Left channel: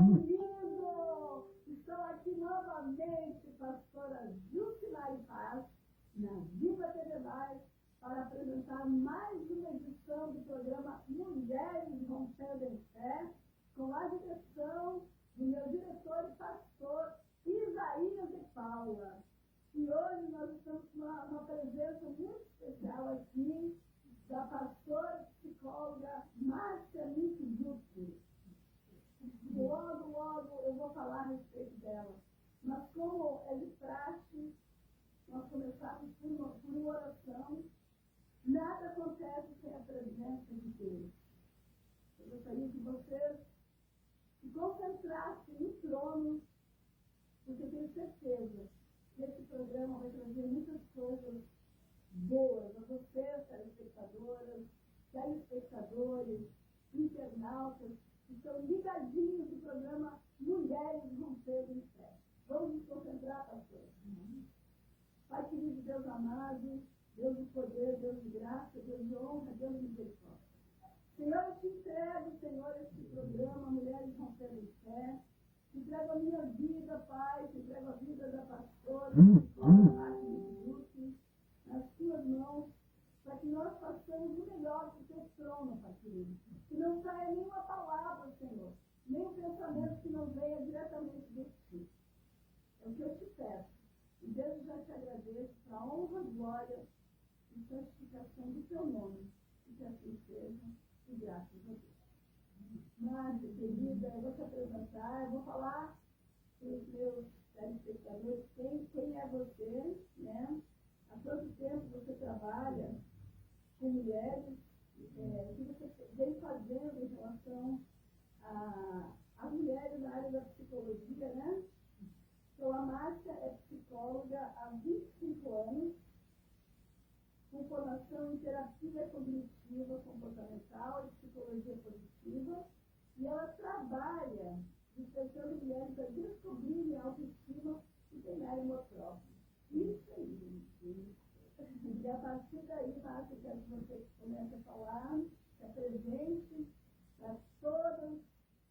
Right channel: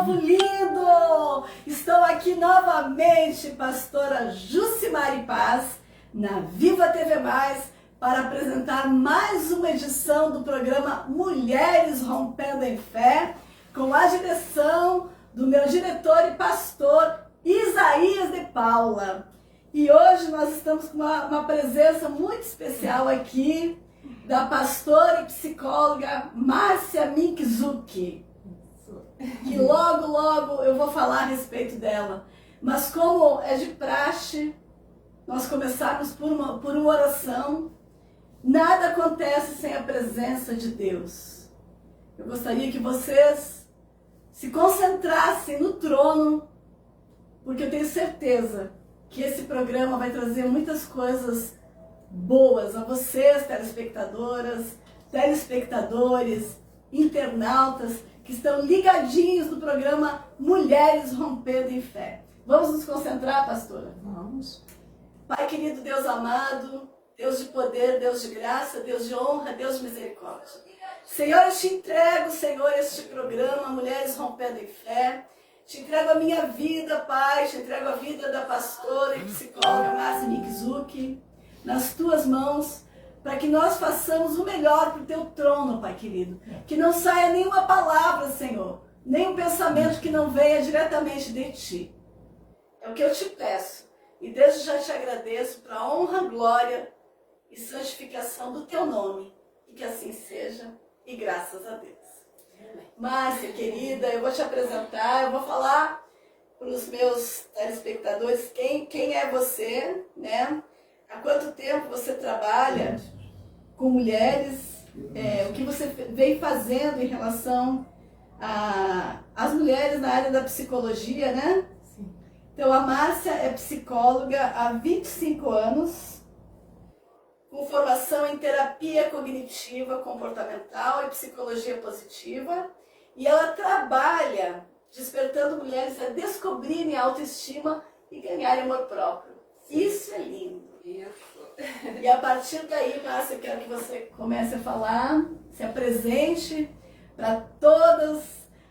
povo lindo! Estou aqui novamente, pastora Jucimari Paz, na Viva TV+, para apresentar mais uma edição do programa Mulheres Rompendo em Fé, com a direção do meu diretor e pastor Isaías de Paula. E hoje nós estamos com uma presença muito especial aqui, da pastora e psicóloga Márcia Minkzuki, que logo eu vou falar a respeito dela. Mas como é de praxe, nós começarmos por uma oração. Nada acontece sem a presença de Deus. Eu gostaria que vocês se concentrassem no trono, porque eu tenho certeza que esse programa vai trazer muitas coisas boas a vocês, telespectadoras, telespectadores, internautas, que estão ligadinhos no programa Mulheres Rompendo em Fé. Vamos nos concentrar, pastora? Vamos. Pai querido, Deus amado, Deus de poder, Deus de graça, Deus de honra, Deus de misericórdia. Senhor, eu te entrego, Senhor, este programa Mulheres Rompendo em Fé. Te entrego a minha vida, Pai, te entrego a vida da pastora e psicóloga Márcia Minkzuki nas tuas mãos, para que nós façamos o melhor para o teu trono, Pai querido. Que não saia nenhuma palavra, Senhor, nenhum pensamento que não venha diretamente de ti. É o que eu te peço. E desde já te agradeço para a honra, glória e santificação do teu nome. E que assim seja, e graças a Deus. Márcia, querida, eu vou te apresentar, eu vou falar para os meus telespectadores quem é você, né? Há quanto tempo você trabalha com mulheres, o que você vem fazendo em relação às mulheres na área da psicologia, né? Sim. Então, a Márcia é psicóloga há 25 anos, com formação em terapia cognitiva comportamental e psicologia positiva, e ela trabalha despertando mulheres a descobrirem a autoestima e ganharem amor próprio. Sim. Isso é lindo. Isso. E a partir daí, Márcia, eu quero que você comece a falar, se apresente para todas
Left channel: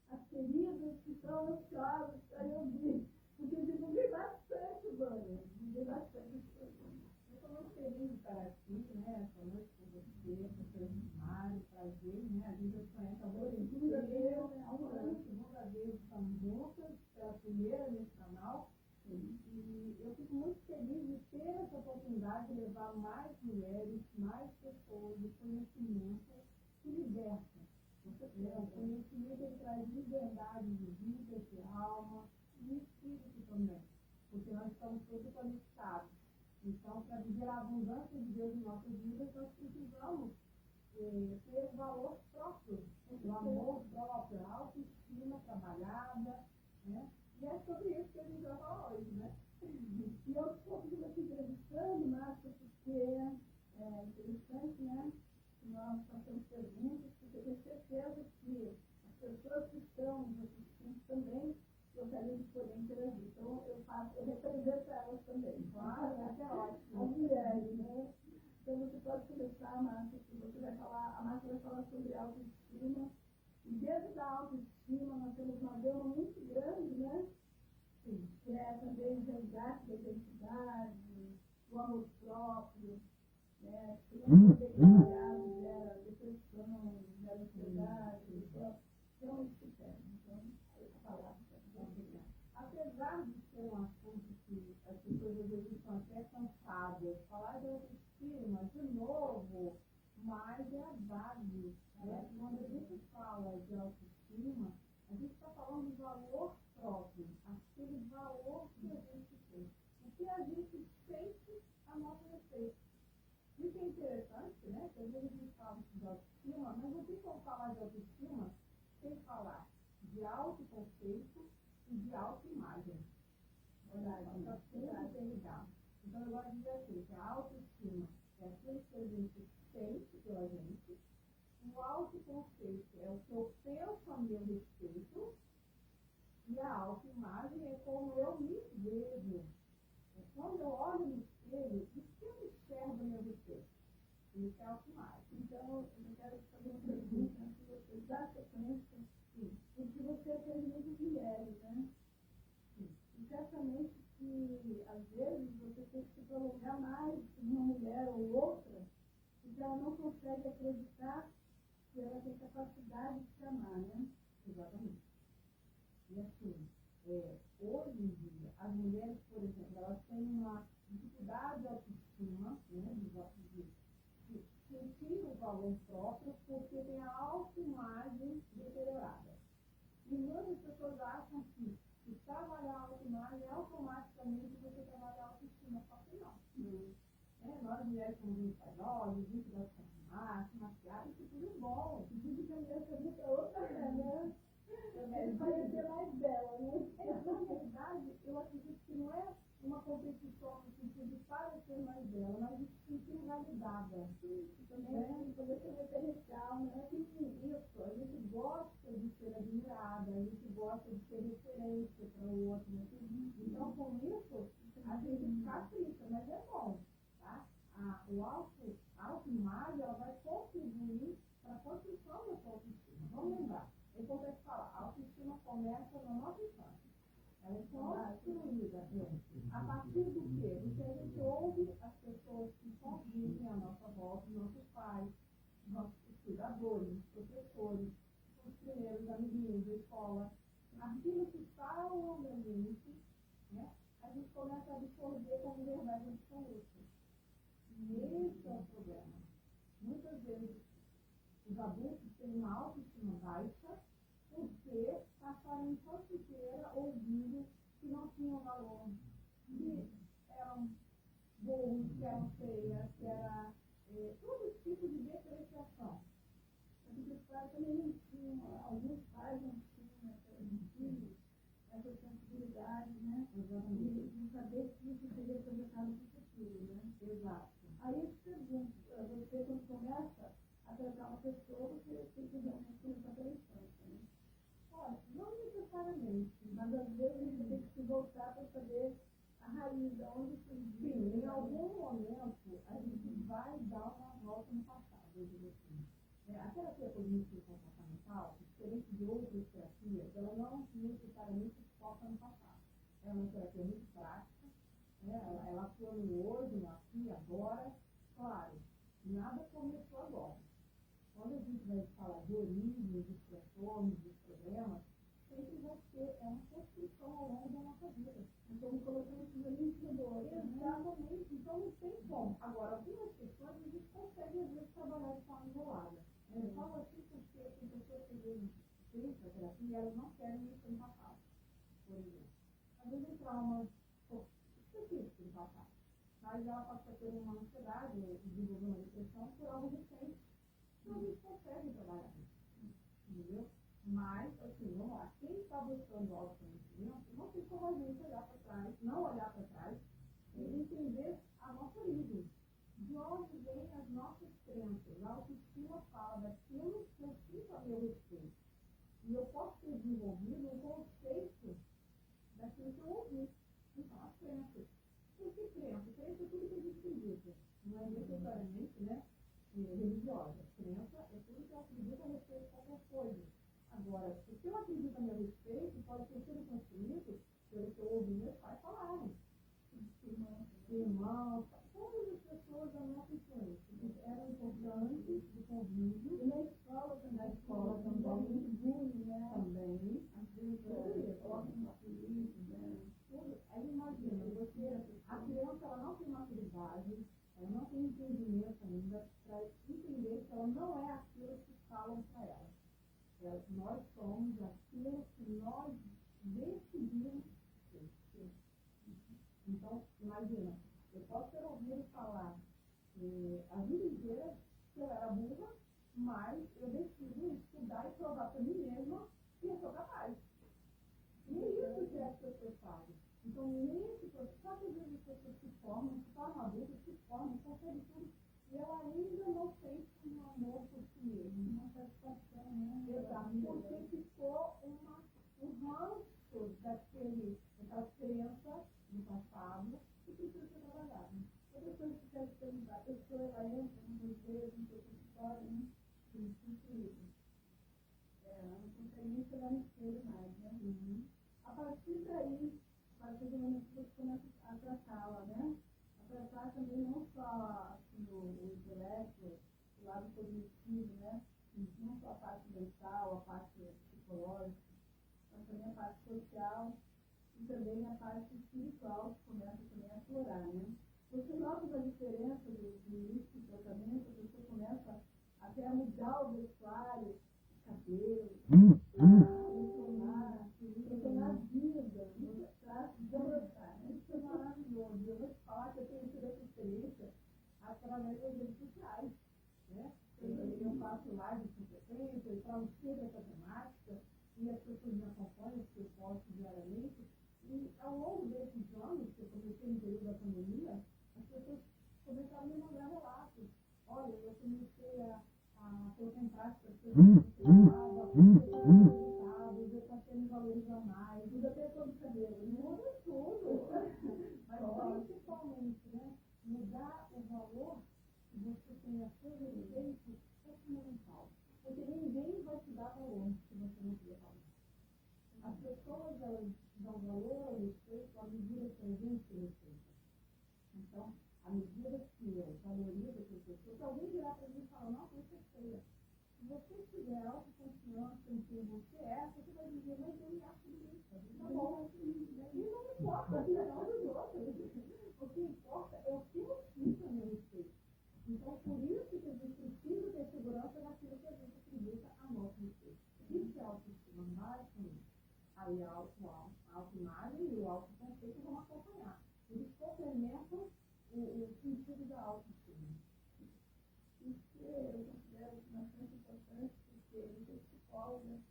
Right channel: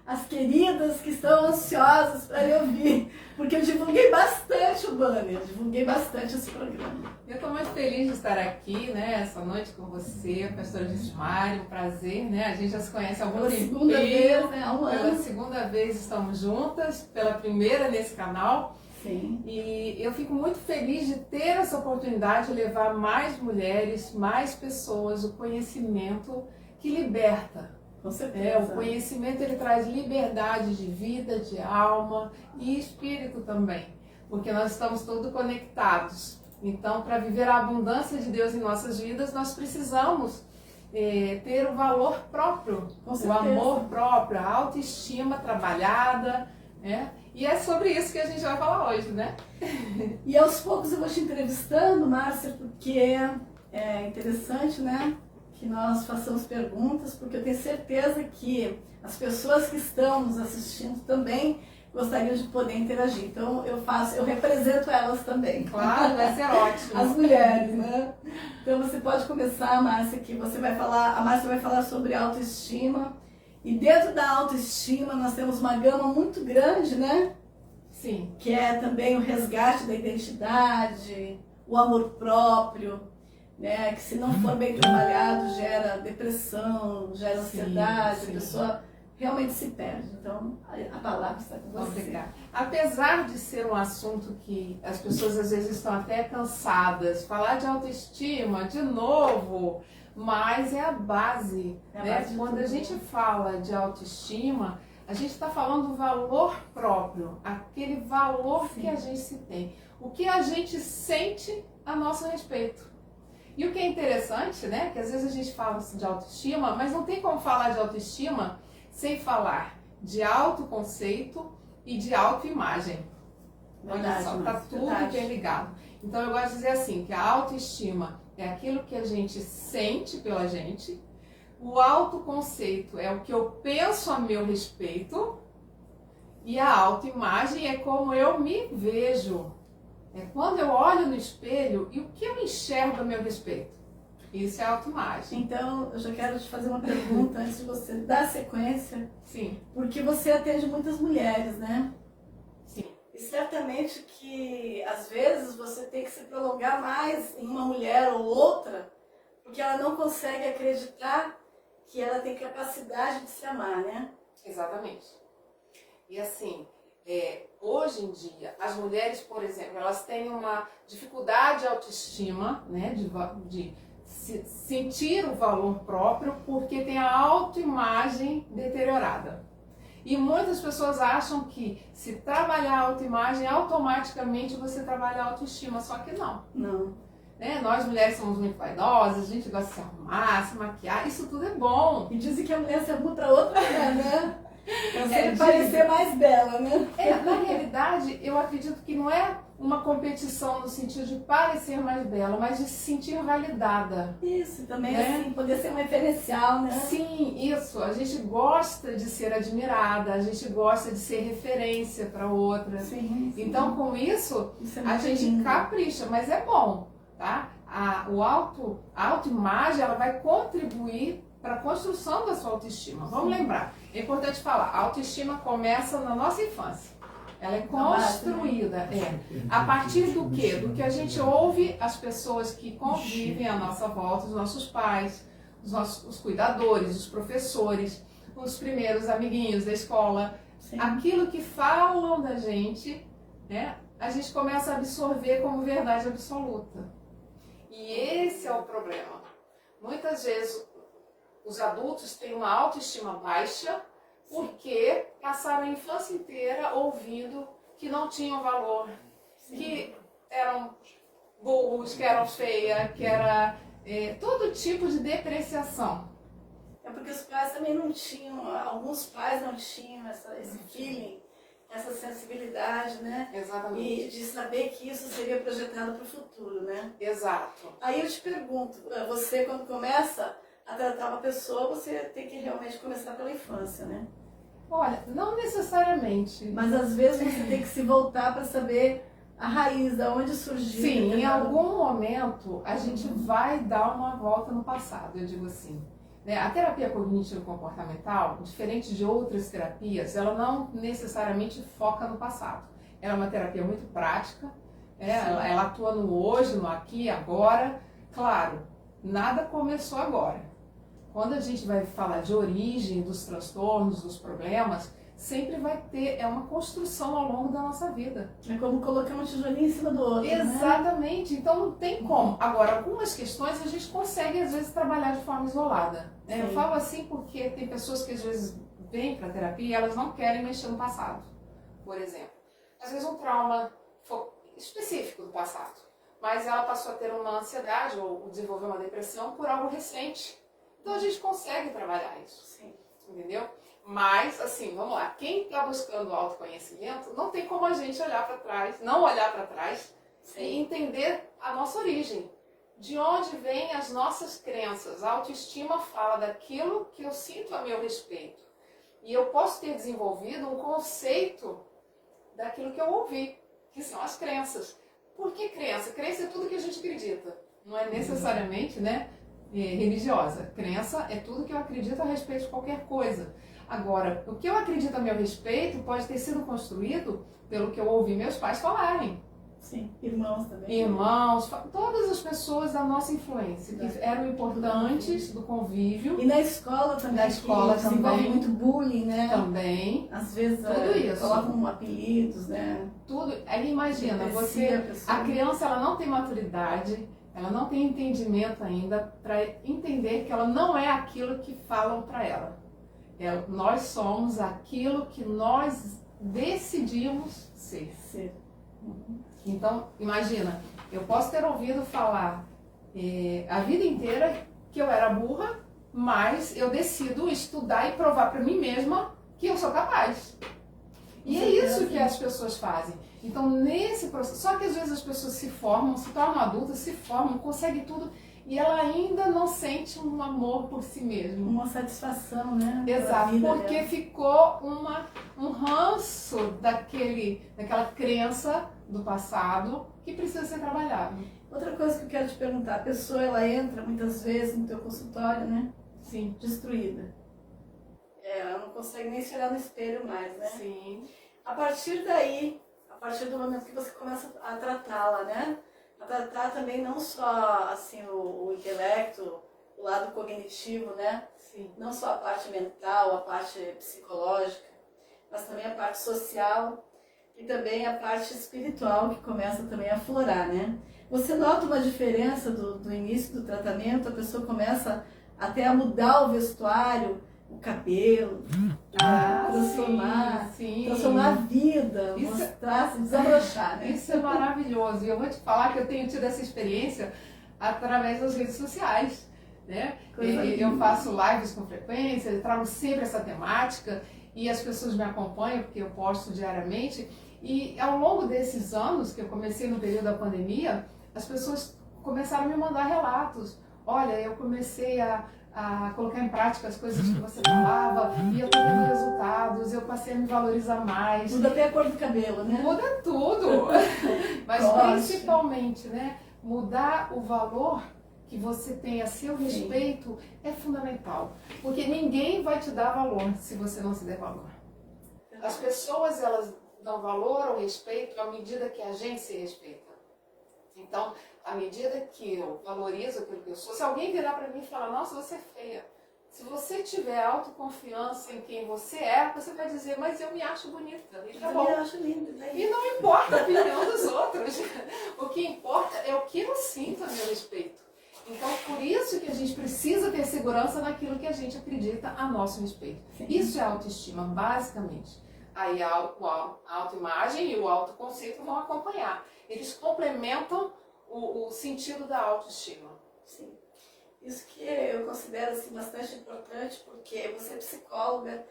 as queridas que estão ansiosas para lhe ouvir, porque eu divulguei bastante o banner, divulguei bastante esse programa. Eu estou muito feliz de estar aqui, né, essa noite com você, pastora Jucimari, um prazer, né? A gente já se conhece há algum tempo. Pela segunda vez, né? Há um ano. Pela segunda vez estamos juntas, pela primeira nesse canal. Sim. E eu fico muito feliz de ter essa oportunidade de levar mais mulheres, mais pessoas, o conhecimento que liberta. Com certeza. O conhecimento ele traz liberdade de vida, de alma e espírito também, porque nós estamos todos conectados. Então, para viver a abundância de Deus em nossas vidas, nós precisamos ter o valor próprio, o amor próprio, a autoestima trabalhada, né? E é sobre isso que a gente vai falar hoje, né? E aos poucos eu vou te entrevistando, Márcia, porque é interessante, né, que nós façamos perguntas, porque eu tenho certeza que as pessoas que estão nos assistindo também gostariam de poder interagir. Então eu represento elas também. Claro, vai ser ótimo. As mulheres, né? Então você pode começar, Márcia, que a Márcia vai falar sobre autoestima. E dentro da autoestima nós temos uma gama muito grande, né? Sim. Que é também o resgate da identidade, o amor próprio, né? Que se não for bem trabalhado gera depressão, gera ansiedade, sim. A pessoa realmente se perde. Então a palavra está com você. Obrigada. Apesar de ser um assunto que as pessoas às vezes estão até cansadas, falar de autoestima de novo, mas é a base, né? Quando a gente fala de autoestima, a gente está falando do valor próprio, aquele valor que a gente se tem, o que a gente sente a nosso respeito. E o que é interessante, né, que às vezes a gente fala de autoestima, mas não tem como falar de autoestima sem falar de autoconceito e de autoimagem. Olha só, está tudo interligado. Então eu gosto de dizer assim, que a autoestima é aquilo que a gente sente pela gente, o autoconceito é o que eu penso a meu respeito e a autoimagem é como eu me vejo. É quando eu olho no espelho e o que eu enxergo a meu respeito. Isso é autoimagem. Então, eu já quero te fazer uma pergunta antes de você dar sequência. Sim. Porque você atende muitas mulheres, né? Sim. E certamente que, às vezes, você tem que se prolongar mais em uma mulher ou outra, porque ela não consegue acreditar que ela tem capacidade de se amar, né? Exatamente. E assim, hoje em dia, as mulheres, por exemplo, elas têm uma dificuldade de autoestima, né, de sentir o valor próprio, porque tem a autoimagem deteriorada. E muitas pessoas acham que se trabalhar a autoimagem, automaticamente você trabalha a autoestima, só que não. Não. Né? Nós mulheres somos muito vaidosas, a gente gosta de se arrumar, se maquiar, isso tudo é bom. E dizem que a mulher se arruma para outra mulher, né? Pra você parecer mais bela, né? Na realidade, eu acredito que não é uma competição no sentido de parecer mais bela, mas de se sentir validada. Isso, também né? assim, poder ser um referencial, né? Sim, isso. A gente gosta de ser admirada, a gente gosta de ser referência para outra. Sim, sim. Então, com isso, Isso é a muito gente lindo. capricha, mas é bom, tá? A autoimagem, ela vai contribuir para a construção da sua autoestima. Vamos lembrar, é importante falar, a autoestima começa na nossa infância. Ela é construída, a partir do quê? Do que a gente ouve as pessoas que convivem à nossa volta, os nossos pais, os cuidadores, os professores, os primeiros amiguinhos da escola. Sim. Aquilo que falam da gente, né, a gente começa a absorver como verdade absoluta. E esse é o problema. Muitas vezes os adultos têm uma autoestima baixa porque passaram a infância inteira ouvindo que não tinham valor, que eram burros, que eram feias, que era todo tipo de depreciação. É porque os pais também não tinham, alguns pais não tinham esse feeling, essa sensibilidade, né? Exatamente. E de saber que isso seria projetado para o futuro, né? Exato. Aí eu te pergunto, você quando começa a tratar uma pessoa, você tem que realmente começar pela infância, né? Olha, não necessariamente. Mas às vezes você tem que se voltar para saber a raiz, de onde surgiu. Sim, em algum momento a gente vai dar uma volta no passado, eu digo assim. A terapia cognitivo-comportamental, diferente de outras terapias, ela não necessariamente foca no passado. Ela é uma terapia muito prática, ela atua no hoje, no aqui, agora. Claro, nada começou agora. Quando a gente vai falar de origem dos transtornos, dos problemas, sempre vai ter, uma construção ao longo da nossa vida. É como colocar um tijolinho em cima do outro, Exatamente, né? Então não tem como. Agora, algumas questões a gente consegue às vezes trabalhar de forma isolada. Eu falo assim porque tem pessoas que às vezes vêm para a terapia e elas não querem mexer no passado, por exemplo. Às vezes um trauma específico do passado, mas ela passou a ter uma ansiedade ou desenvolveu uma depressão por algo recente. Então a gente consegue trabalhar isso, Sim. Entendeu? Mas, assim, vamos lá, quem está buscando autoconhecimento, não tem como a gente olhar para trás, não olhar para trás e entender a nossa origem. De onde vêm as nossas crenças. A autoestima fala daquilo que eu sinto a meu respeito. E eu posso ter desenvolvido um conceito daquilo que eu ouvi, que são as crenças. Por que crença? Crença é tudo que a gente acredita. Não é necessariamente, religiosa. Crença é tudo que eu acredito a respeito de qualquer coisa. Agora, o que eu acredito a meu respeito pode ter sido construído pelo que eu ouvi meus pais falarem. Sim, irmãos também. Irmãos, todas as pessoas da nossa influência, que eram importantes do convívio. E na escola também. Na escola que também. Desenvolve muito bullying, né? Também. Às vezes Tudo isso. colocam apelidos, né? Tudo. Aí imagina, a criança ela não tem maturidade, ela não tem entendimento ainda para entender que ela não é aquilo que falam para ela. Nós somos aquilo que nós decidimos ser. Então, imagina, eu posso ter ouvido falar a vida inteira que eu era burra, mas eu decido estudar e provar para mim mesma que eu sou capaz. E é isso que as pessoas fazem. Então, nesse processo, só que às vezes as pessoas se formam, se tornam adultas, se formam, conseguem tudo, e ela ainda não sente um amor por si mesma. Uma satisfação, né? Exato, porque ficou um ranço daquela crença do passado que precisa ser trabalhado. Outra coisa que eu quero te perguntar, a pessoa ela entra muitas vezes no teu consultório, né? Sim. Destruída. Ela não consegue nem se olhar no espelho mais, né? Sim. A partir daí, a partir do momento que você começa a tratá-la, né? A tratar também não só assim o intelecto, o lado cognitivo, né? Sim. Não só a parte mental, a parte psicológica, mas também a parte social e também a parte espiritual que começa também a aflorar, né? Você nota uma diferença do início do tratamento, a pessoa começa até a mudar o vestuário, o cabelo, transformar, sim. transformar a vida, Isso, mostrar, se desabrochar, né? Isso é maravilhoso. E eu vou te falar que eu tenho tido essa experiência através das redes sociais, né? Eu faço lives com frequência, eu trago sempre essa temática e as pessoas me acompanham porque eu posto diariamente. E ao longo desses anos, que eu comecei no período da pandemia, as pessoas começaram a me mandar relatos. Olha, eu comecei a colocar em prática as coisas que você falava e eu tô tendo resultados, eu passei a me valorizar mais. Muda até a cor do cabelo, né? Muda tudo. Mas principalmente, né, mudar o valor que você tem a seu respeito é fundamental. Porque ninguém vai te dar valor se você não se der valor. As pessoas, elas dão valor ao respeito à medida que a gente se respeita. Então, à medida que eu valorizo aquilo que eu sou, se alguém virar para mim e falar, nossa, você é feia. Se você tiver autoconfiança em quem você é, você vai dizer, mas eu me acho bonita. E tá bom. Eu acho lindo, né? E não importa a opinião dos outros. O que importa é o que eu sinto a meu respeito. Então, por isso que a gente precisa ter segurança naquilo que a gente acredita a nosso respeito. Sim. Isso é autoestima, basicamente. Aí a autoimagem e o autoconceito vão acompanhar. Eles complementam o sentido da autoestima. Sim. Isso que eu considero assim, bastante importante, porque você é psicóloga.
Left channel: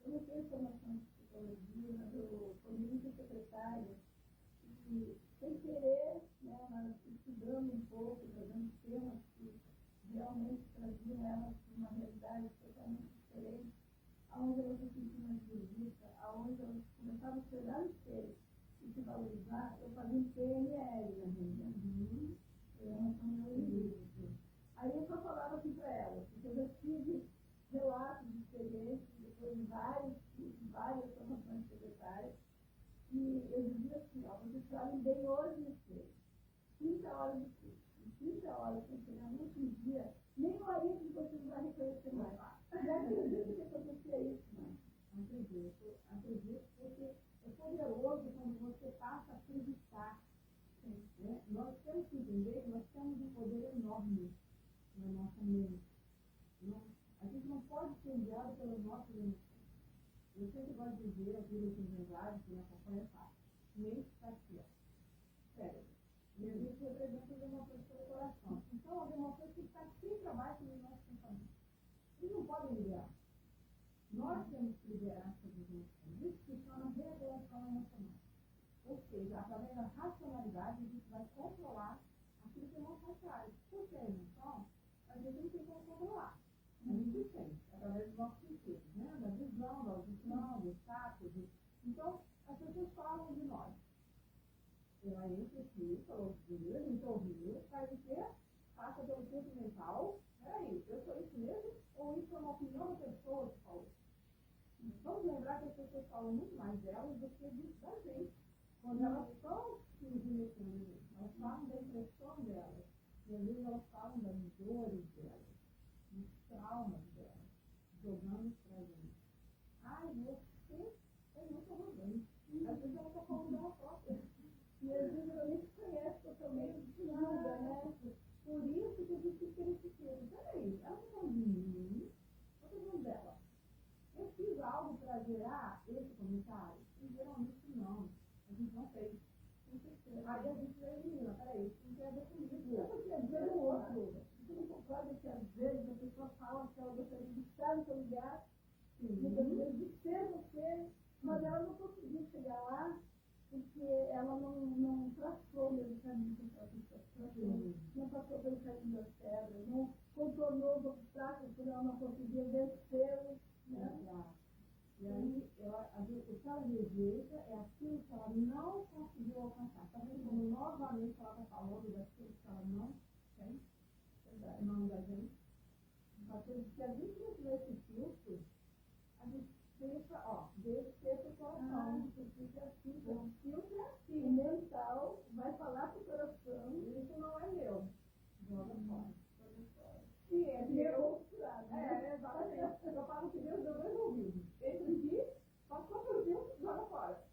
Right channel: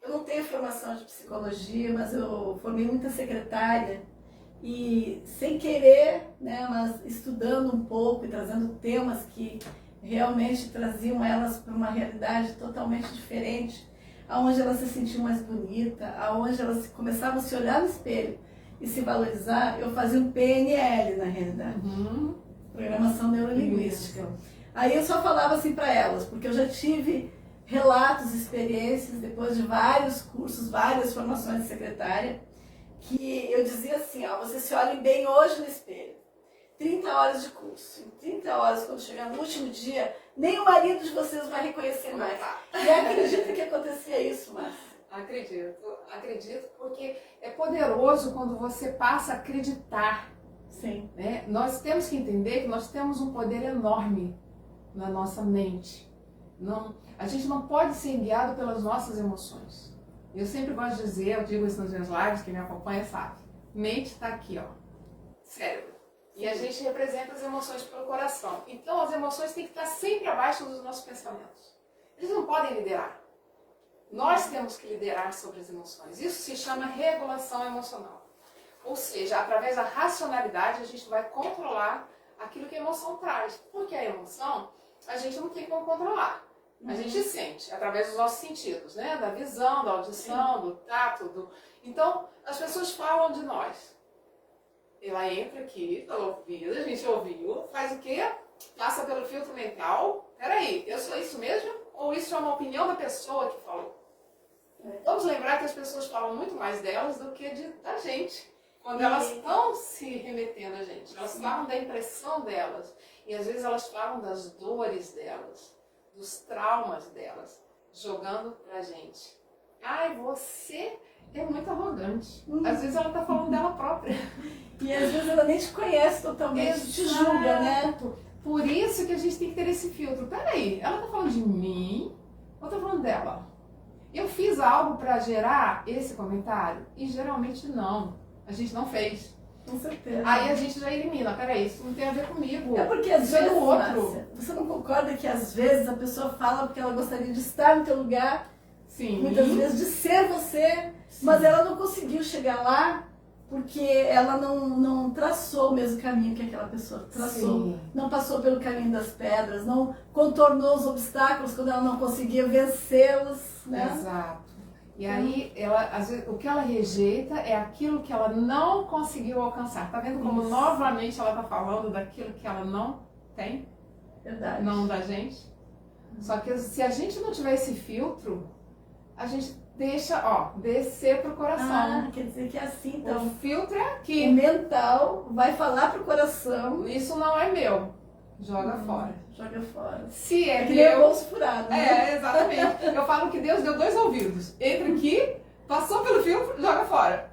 Eu não tenho formação de psicologia, mas eu formei muita secretária. E sem querer, né, mas estudando um pouco e trazendo temas que realmente traziam elas para uma realidade totalmente diferente, aonde elas se sentiam mais bonita, aonde elas começavam a se olhar no espelho e se valorizar, eu fazia um PNL na realidade, Programação Neurolinguística. Isso. Aí eu só falava assim para elas, porque eu já tive relatos, experiências, depois de vários cursos, várias formações de secretária, que eu dizia assim, ó, vocês se olhem bem hoje no espelho. 30 horas de curso. Em 30 horas, quando chegar no último dia, nem o marido de vocês vai reconhecer mais. E acredita que acontecia isso, Márcia? Acredito, porque é poderoso quando você passa a acreditar. Sim. Né? Nós temos que entender que nós temos um poder enorme na nossa mente. A gente não pode ser guiado pelas nossas emoções. Eu sempre gosto de dizer, eu digo isso nos meus lives, quem me acompanha sabe. Mente está aqui, ó, cérebro. E a gente representa as emoções pelo coração. Então as emoções têm que estar sempre abaixo dos nossos pensamentos. Eles não podem liderar. Nós temos que liderar sobre as emoções. Isso se chama regulação emocional. Ou seja, através da racionalidade a gente vai controlar aquilo que a emoção traz. Porque a emoção a gente não tem como controlar. A gente sente, através dos nossos sentidos, né? Da visão, da audição, do tato. Então, as pessoas falam de nós. Ela entra aqui pelo ouvido, a gente ouviu, faz o quê? Passa pelo filtro mental. Peraí, eu sou isso mesmo? Ou isso é uma opinião da pessoa que falou? Vamos lembrar que as pessoas falam muito mais delas do que da gente. Quando elas estão se remetendo a gente. Elas falam da impressão delas. E às vezes elas falam das dores delas, dos traumas delas, jogando pra gente. Ai, você é muito arrogante. Às vezes ela tá falando dela própria. E às vezes ela nem te conhece totalmente, te julga, né? Por isso que a gente tem que ter esse filtro. Peraí, ela tá falando de mim ou tá falando dela? Eu fiz algo pra gerar esse comentário? E geralmente não. A gente não fez. Com certeza. Aí a gente já elimina. Peraí, isso não tem a ver comigo. É porque às isso é vezes, do outro. Márcia, você não concorda que às vezes a pessoa fala porque ela gostaria de estar no teu lugar, Sim. muitas vezes de ser você, Sim. mas ela não conseguiu chegar lá porque ela não traçou o mesmo caminho que aquela pessoa traçou. Sim. Não passou pelo caminho das pedras, não contornou os obstáculos quando ela não conseguia vencê-los, né? Exato. E aí, às vezes, o que ela rejeita é aquilo que ela não conseguiu alcançar. Tá vendo como novamente ela tá falando daquilo que ela não tem? Verdade. Não da gente? Só que se a gente não tiver esse filtro, a gente deixa, descer pro coração. Quer dizer que é assim, então. O filtro é aqui. O mental vai falar pro coração. Isso não é meu. Joga fora. Joga fora. Se é que nem o meu... bolso furado, né? Exatamente. Eu falo que Deus deu 2 ouvidos. Entra aqui, passou pelo filtro, joga fora.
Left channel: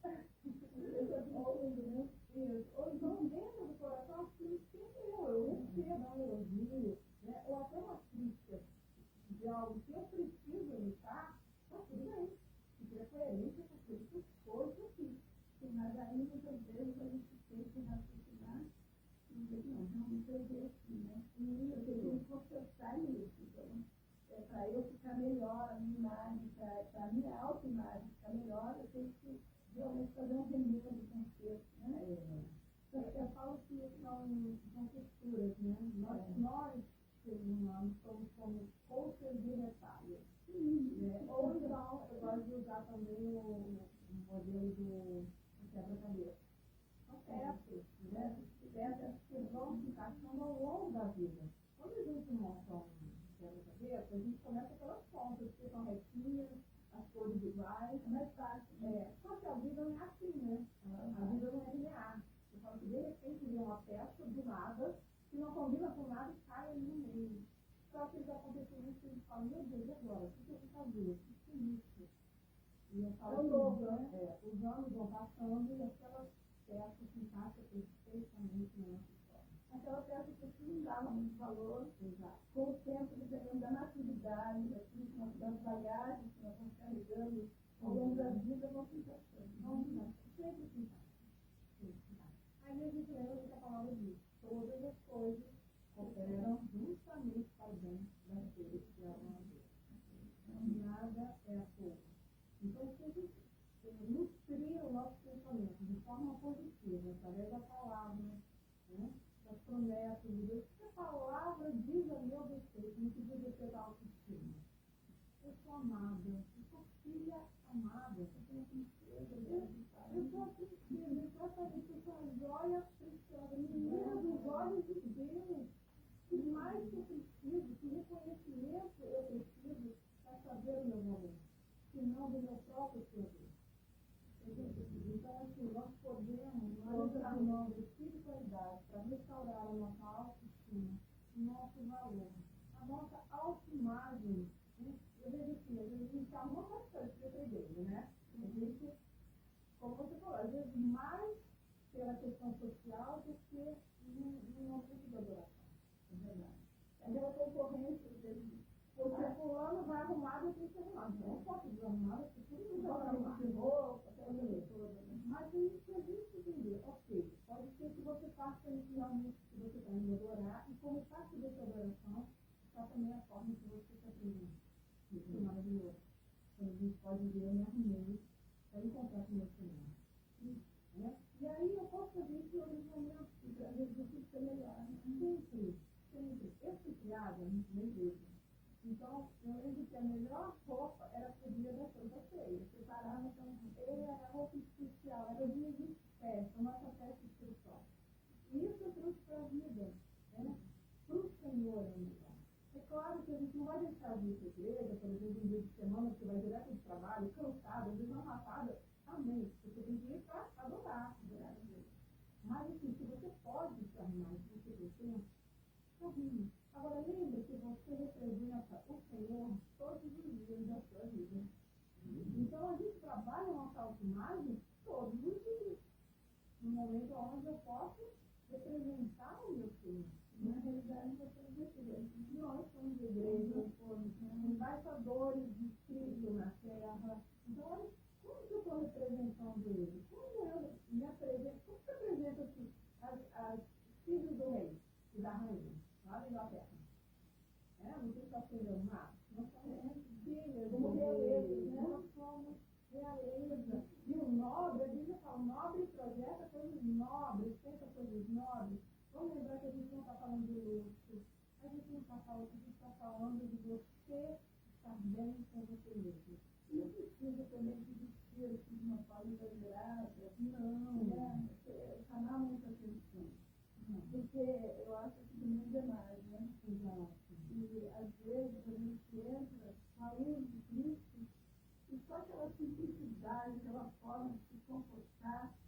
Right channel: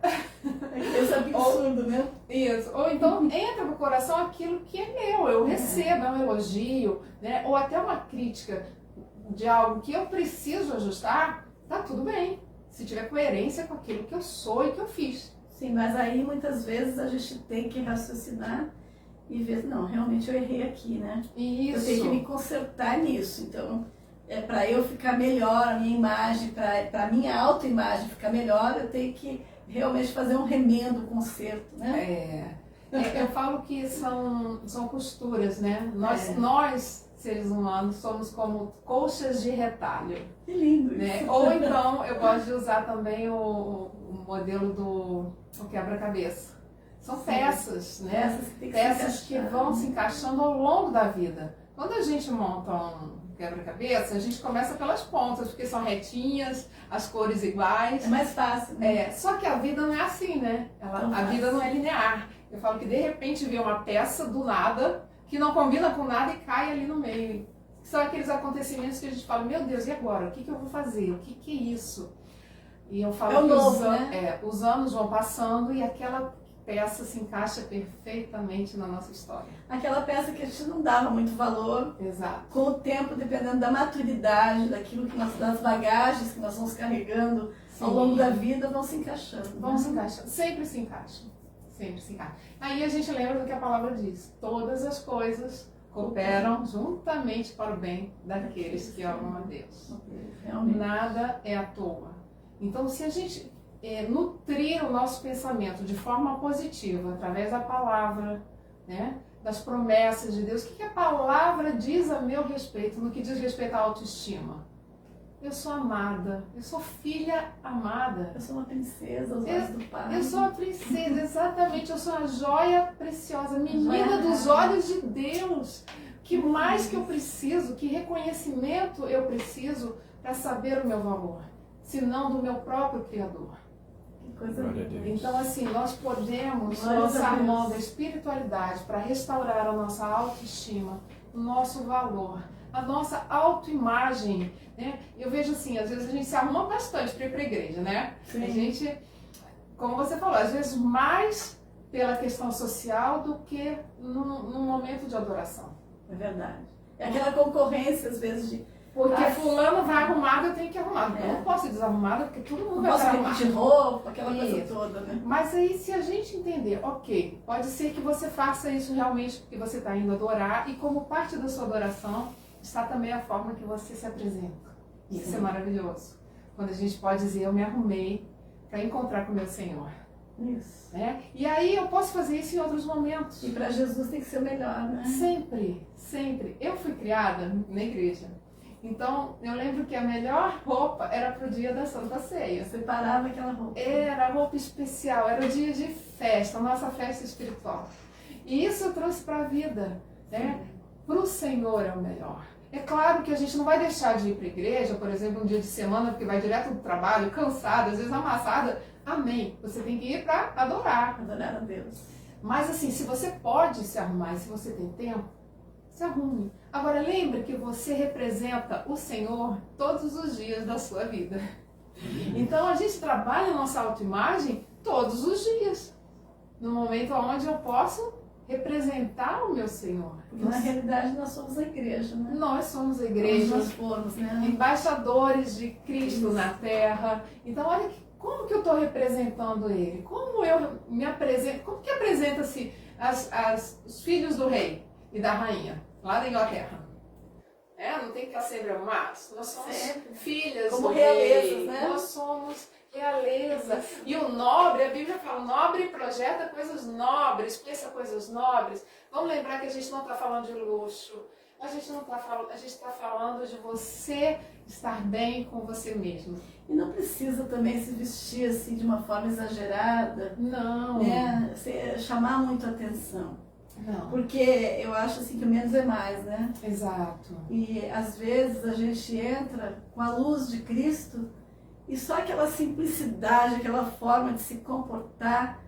Esse absurdo, né? Isso. Ou então entra no coração aquilo que é meu. Eu recebo, é um elogio, né? Ou até uma crítica de algo que eu preciso ajustar, tá tudo bem. Se tiver coerência com aquilo que eu sou e que eu fiz. Sim, mas aí muitas vezes a gente tem que raciocinar e ver, não, realmente eu errei aqui, né? Isso. Eu tenho que me consertar nisso. Então, para eu ficar melhor, a minha imagem, para a minha autoimagem ficar melhor, eu tenho que realmente fazer um remendo, um conserto, né? Eu falo que são costuras, né? Nós, seres humanos, somos como colchas de retalho. Que lindo, né? isso. Ou então, eu gosto de usar também o modelo do quebra-cabeça. São peças, né? Peças que vão se encaixando ao longo da vida. Quando a gente monta um quebra-cabeça, a gente começa pelas pontas, porque são retinhas, as cores iguais. É mais fácil, né? Só que a vida não é assim, né? A vida não é linear. Eu falo que de repente vê uma peça do nada, que não combina com nada e cai ali no meio. São aqueles acontecimentos que a gente fala, meu Deus, e agora? O que eu vou fazer? O que é isso? E eu falo que os anos vão passando e aquela peça se encaixa perfeitamente na nossa história. Aquela peça que a gente não dava muito valor. Exato. Com o tempo, dependendo da maturidade, daquilo que das bagagens que nós vamos carregando ao longo da vida, vão se encaixando. Vão se encaixando. Sempre se encaixam. Sempre se encaixam. Aí a gente lembra do que a palavra diz. Todas as coisas cooperam juntamente para o bem daqueles que amam a Deus. Realmente. Nada é à toa. Então, se a gente nutrir o nosso pensamento de forma positiva, através da palavra, né, das promessas de Deus, o que a palavra diz a meu respeito, no que diz respeito à autoestima? Eu sou amada, eu sou filha amada. Eu sou uma princesa aos olhos do Pai. Eu sou a princesa, exatamente, eu sou a joia preciosa, menina dos olhos de Deus. Que mais que eu preciso, que reconhecimento eu preciso para saber o meu valor, se não do meu próprio Criador. Então, assim, nós podemos lançar mão da espiritualidade para restaurar a nossa autoestima, o nosso valor, a nossa autoimagem, né? Eu vejo assim, às vezes a gente se arruma bastante para ir para a igreja, né? Sim. A gente, como você falou, às vezes mais pela questão social do que num momento de adoração. É verdade. É aquela concorrência, às vezes, de... Porque fulano vai arrumado, eu tenho que arrumar. Eu não posso ir desarrumada, porque todo mundo vai estar arrumado. Não posso repetir roupa, aquela coisa toda, né? Mas aí, se a gente entender, ok, pode ser que você faça isso realmente porque você está indo adorar, e como parte da sua adoração, está também a forma que você se apresenta. Isso é maravilhoso. Quando a gente pode dizer, eu me arrumei para encontrar com o meu Senhor. Isso. Né? E aí eu posso fazer isso em outros momentos. E para Jesus tem que ser o melhor, né? Sempre, sempre. Eu fui criada na igreja. Então, eu lembro que a melhor roupa era pro dia da Santa Ceia. Você parava aquela roupa. Era roupa especial, era o dia de festa, a nossa festa espiritual. E isso eu trouxe para a vida, né? Pro Senhor é o melhor. É claro que a gente não vai deixar de ir para a igreja, por exemplo, um dia de semana, porque vai direto do trabalho, cansada, às vezes amassada. Amém. Você tem que ir para adorar. Adorar a Deus. Mas assim, se você pode se arrumar e se você tem tempo, se arrume. Agora lembre que você representa o Senhor todos os dias da sua vida. Então a gente trabalha a nossa autoimagem todos os dias. No momento onde eu posso representar o meu Senhor. Porque na realidade nós somos a igreja, né? Nós somos a igreja. Nós fomos, né? Embaixadores de Cristo na terra. Então olha como que eu estou representando Ele. Como eu me apresento. Como que apresenta-se os filhos do rei e da rainha, lá da Inglaterra. Não tem que sempre arrumados. Nós somos filhas como do realezas, rei. né? Nós somos realeza. E o nobre, a Bíblia fala, nobre projeta coisas nobres, pensa coisas nobres. Vamos lembrar que a gente não está falando de luxo. A gente está falando de você estar bem com você mesmo. E não precisa também se vestir assim de uma forma exagerada. Não. Né? Chamar muito a atenção. Não. Porque eu acho assim que o menos é mais, né? Exato. E às vezes a gente entra com a luz de Cristo e só aquela simplicidade, aquela forma de se comportar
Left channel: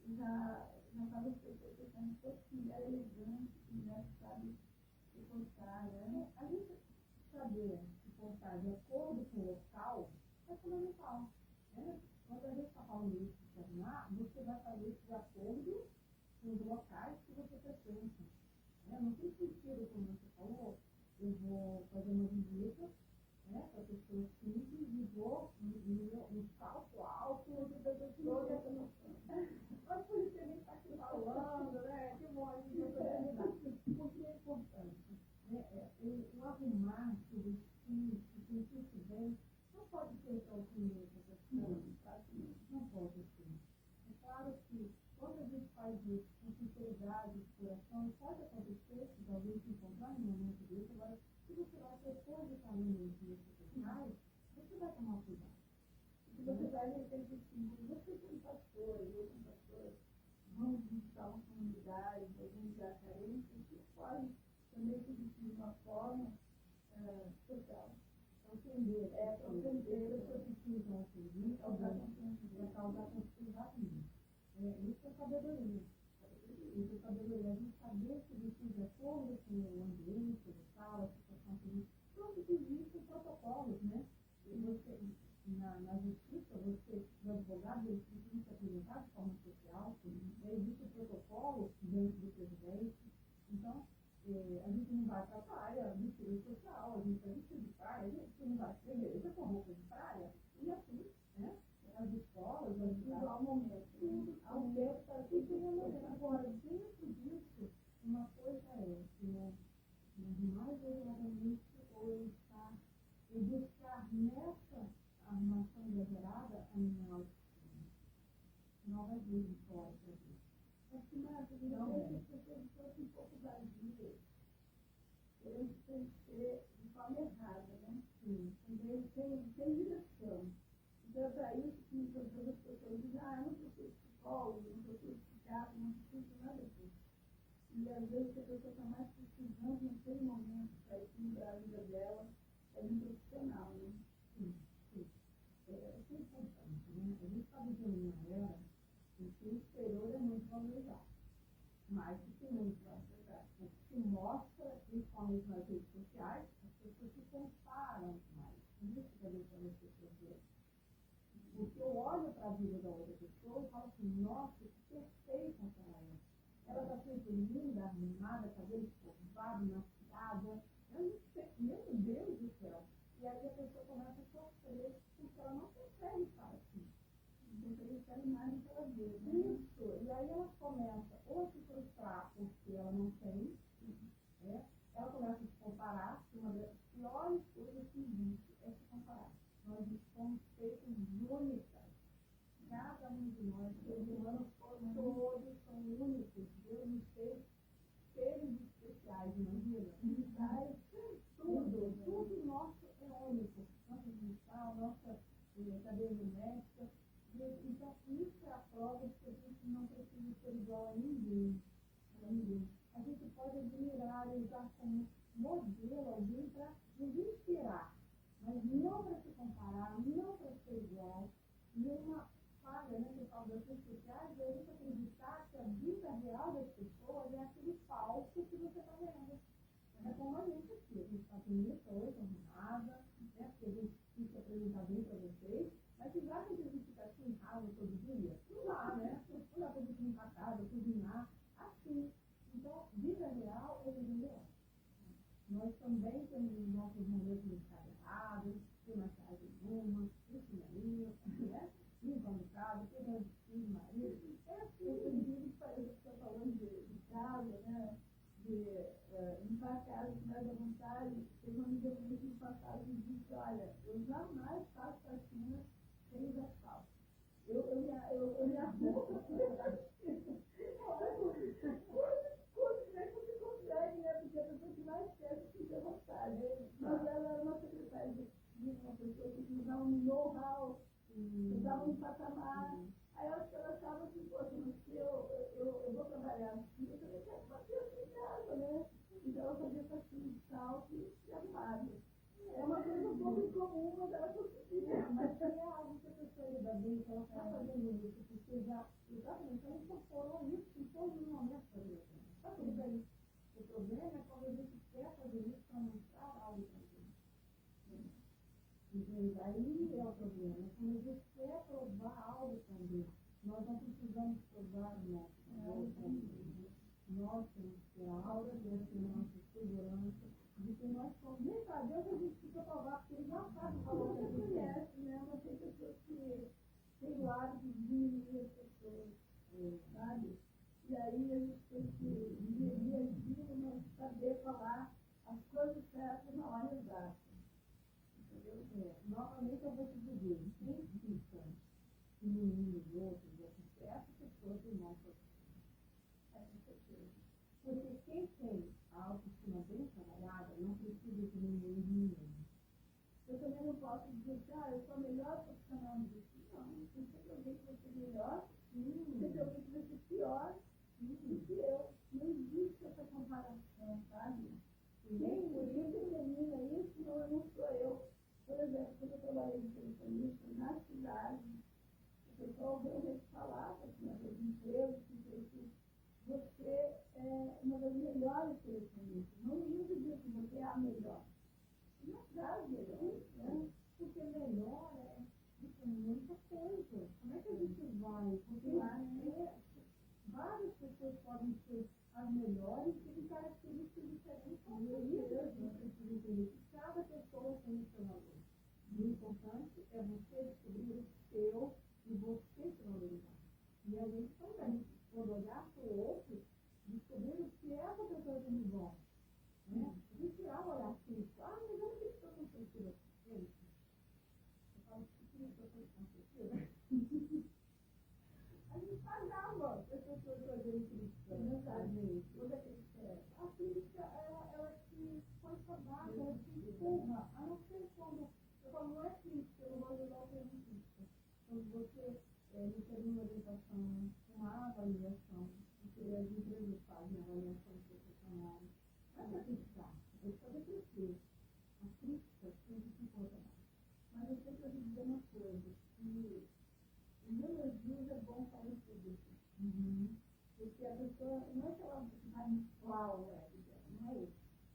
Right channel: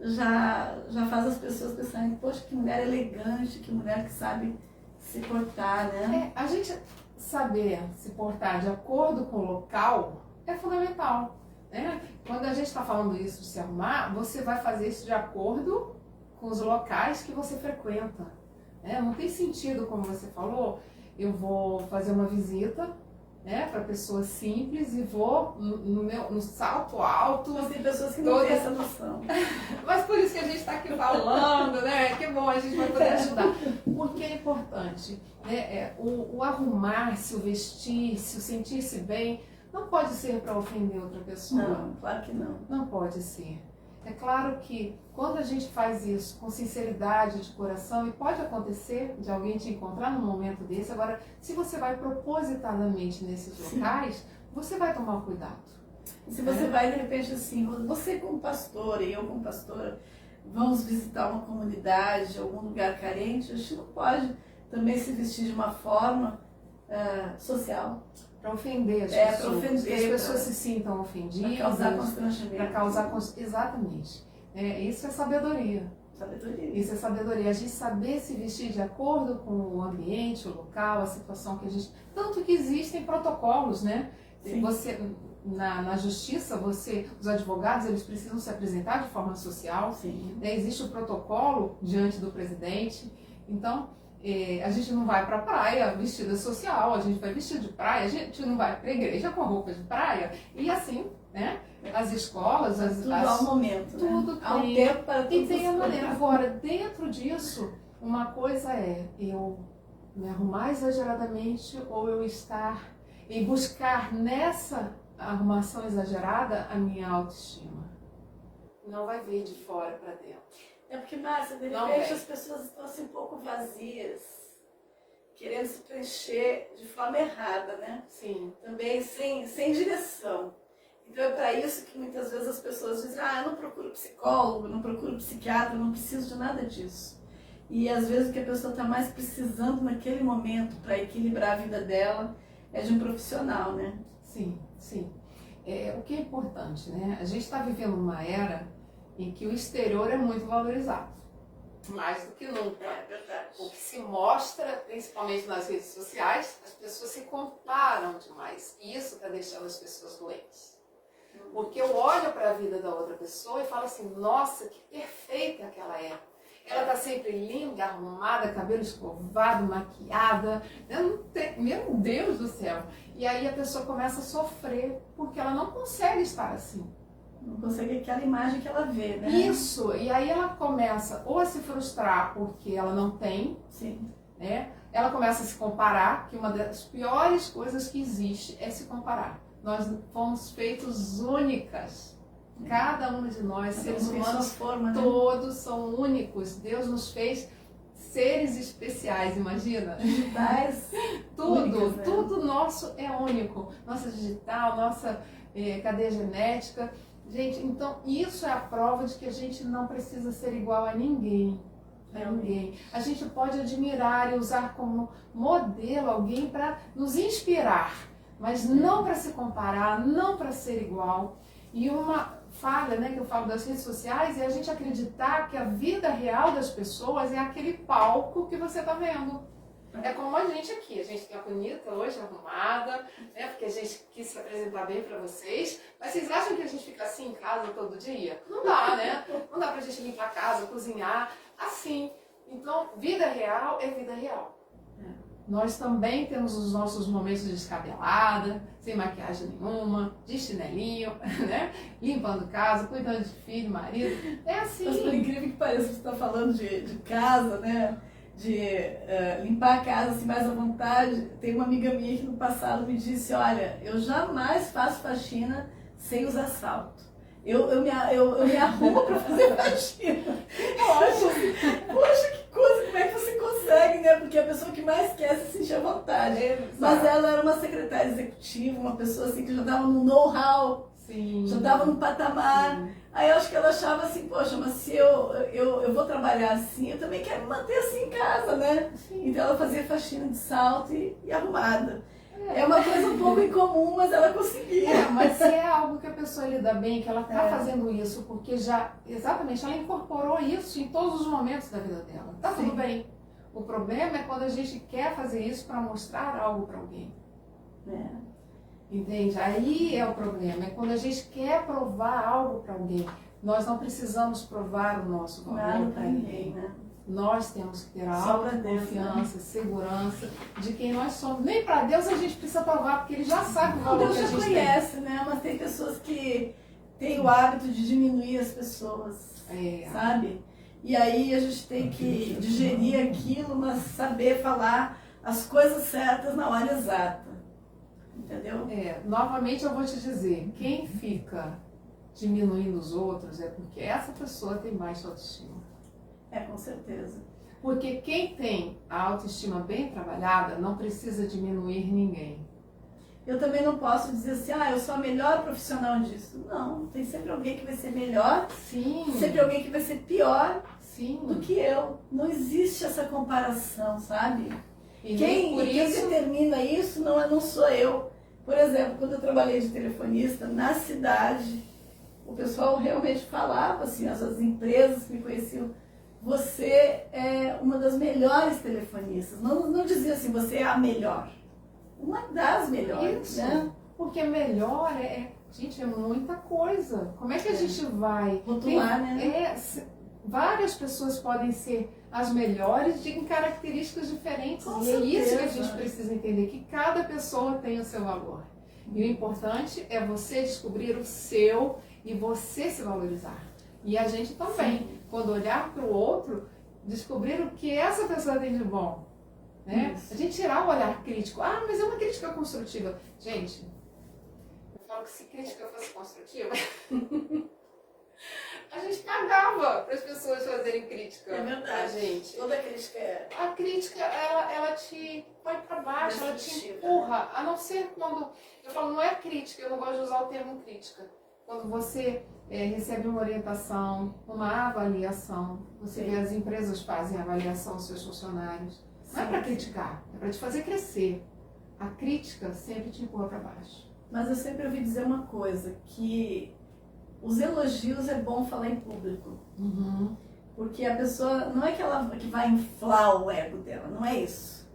já faz as pessoas pensarem, poxa, que mulher elegante, que mulher que sabe se portar, né? A gente saber se portar de acordo com o local é fundamental, né? Quando a gente está falando isso de se arrumar, você vai fazer isso de acordo com os locais que você frequenta, né? Não tem sentido, como você falou, eu vou fazer uma visita, né, para pessoas simples e vou no salto alto. Mas tem pessoas que não têm essa noção. Mas por isso que a gente está aqui falando, né? Que bom, a gente vai poder ajudar. Porque é importante, né? O arrumar-se, o vestir-se, o sentir-se bem, não pode ser para ofender outra pessoa. Não, claro que não. Não pode ser. É claro que quando a gente faz isso com sinceridade de coração, e pode acontecer de alguém te encontrar num momento desse, agora, se você vai propositadamente nesses locais, você vai tomar cuidado. E se você vai, de repente, assim, você como pastora e eu como pastora, vamos visitar uma comunidade, algum lugar carente, a gente não pode também se vestir de uma forma social. Para ofender as pessoas. Para ofender, que as pessoas se sintam ofendidas. Para causar constrangimento. Para causar exatamente. Isso é sabedoria. Isso é sabedoria. A gente saber se vestir de acordo com o ambiente, o local, a situação que a gente... Tanto que existem protocolos, né? Sim. Você, na justiça, os advogados, eles precisam se apresentar de forma social. Sim. Existe o protocolo diante do presidente. Então... a gente não vai para a praia vestida social, a gente vai vestido de praia, a gente não vai para a igreja com roupa de praia, e assim, né? As escolas, tudo ao momento, tudo né? Há um tem, tempo para tudo. E tem a maneira. Agora, dentro disso, uma coisa é eu me arrumar exageradamente ou eu estar e buscar nessa arrumação exagerada a minha autoestima. Não vai vir de fora para dentro. É porque, Márcia, de repente as pessoas estão assim um pouco vazias, querendo se preencher de forma errada, né? Sim. Também sem direção. Então é para isso que muitas vezes as pessoas dizem, eu não procuro psicólogo, não procuro psiquiatra, não preciso de nada disso. E às vezes o que a pessoa está mais precisando naquele momento para equilibrar a vida dela é de um profissional, né? Sim, sim. O que é importante, né? A gente está vivendo uma era em que o exterior é muito valorizado, mais do que nunca. É verdade. O que se mostra, principalmente nas redes sociais, as pessoas se comparam demais. E isso está deixando as pessoas doentes. Porque eu olho para a vida da outra pessoa e falo assim, nossa, que perfeita que ela é. Ela está sempre linda, arrumada, cabelo escovado, maquiada. Meu Deus do céu. E aí a pessoa começa a sofrer porque ela não consegue estar assim. Não consegue aquela imagem que ela vê, né? Isso, e aí ela começa ou a se frustrar porque ela não tem, sim, né? Ela começa a se comparar, que uma das piores coisas que existe é se comparar. Nós fomos feitos únicas. Cada um de nós, seres humanos, todos são únicos. Deus nos fez seres especiais, imagina? Digitais. Tudo, né? Tudo nosso é único. Nossa digital, nossa cadeia genética. Gente, então isso é a prova de que a gente não precisa ser igual a ninguém. A ninguém. A gente pode admirar e usar como modelo alguém para nos inspirar, mas não para se comparar, não para ser igual. E uma falha, né, que eu falo das redes sociais é a gente acreditar que a vida real das pessoas é aquele palco que você está vendo. É como a gente aqui, a gente está bonita hoje, arrumada, né, porque a gente quis se apresentar bem para vocês, mas vocês acham que a gente fica assim em casa todo dia? Não dá, né? Não dá pra gente limpar a casa, cozinhar, assim. Então, vida real é vida real. Nós também temos os nossos momentos de descabelada, sem maquiagem nenhuma, de chinelinho, né? Limpando casa, cuidando de filho, marido. É assim. Mas por incrível que pareça, você está falando de casa, né? De limpar a casa assim, mais à vontade. Tem uma amiga minha que no passado me disse, olha, eu jamais faço faxina sem usar salto. Eu me arrumo para fazer faxina. Poxa, que coisa, como é que você consegue, né? porque a pessoa que mais quer se sentir à vontade. Mas ela era uma secretária executiva, uma pessoa assim que já estava no know-how, já estava no patamar. Sim. Aí eu acho que ela achava assim, poxa, mas se eu vou trabalhar assim, eu também quero me manter assim em casa, né? Sim. Então ela fazia faxina de salto e arrumada. É uma coisa um pouco incomum, mas ela conseguia. Mas se é algo que a pessoa lida bem, que ela está fazendo isso, porque exatamente, ela incorporou isso em todos os momentos da vida dela. Tá tudo bem. O problema é quando a gente quer fazer isso para mostrar algo para alguém. Entende? Aí é o problema, é quando a gente quer provar algo para alguém. Nós não precisamos provar o nosso valor para ninguém, né? Nós temos que ter a autoconfiança, segurança de quem nós somos. Nem para Deus a gente precisa provar, porque Ele já sabe o valor que a gente tem. Deus já conhece, né? Mas tem pessoas que têm o hábito de diminuir as pessoas, sabe? E aí a gente tem que digerir aquilo, mas saber falar as coisas certas na hora exata. Entendeu? Novamente eu vou te dizer, quem fica diminuindo os outros é porque essa pessoa tem baixa autoestima. Com certeza. Porque quem tem a autoestima bem trabalhada não precisa diminuir ninguém. Eu também não posso dizer assim, eu sou a melhor profissional disso. Não, tem sempre alguém que vai ser melhor, sempre alguém que vai ser pior do que eu. Não existe essa comparação, sabe? E quem determina isso não sou eu. Por exemplo, quando eu trabalhei de telefonista na cidade, o pessoal realmente falava assim, as empresas que me conheciam, você é uma das melhores telefonistas. Não dizia assim, você é a melhor. Uma das melhores, né? Porque melhor gente, é muita coisa. Como é que a gente vai rotular, né? Várias pessoas podem ser as melhores em características diferentes. Com e certeza. É isso que a gente precisa entender, que cada pessoa tem o seu valor. E o importante é você descobrir o seu e você se valorizar. E a gente também, quando olhar para o outro, descobrir o que essa pessoa tem de bom. Né? A gente tirar o olhar crítico. Mas é uma crítica construtiva. Gente, eu falo que se crítica fosse construtiva, a gente cagava para as pessoas fazerem crítica. É verdade. Gente. Toda crítica A crítica, ela te põe para baixo, ela te empurra. A não ser quando... Eu falo, não é crítica, eu não gosto de usar o termo crítica. Quando você recebe uma orientação, uma avaliação, você vê as empresas fazem avaliação dos seus funcionários. Não é para criticar, é para te fazer crescer. A crítica sempre te empurra para baixo. Mas eu sempre ouvi dizer uma coisa, que os elogios é bom falar em público. Porque a pessoa, não é que ela que vai inflar o ego dela, não é isso.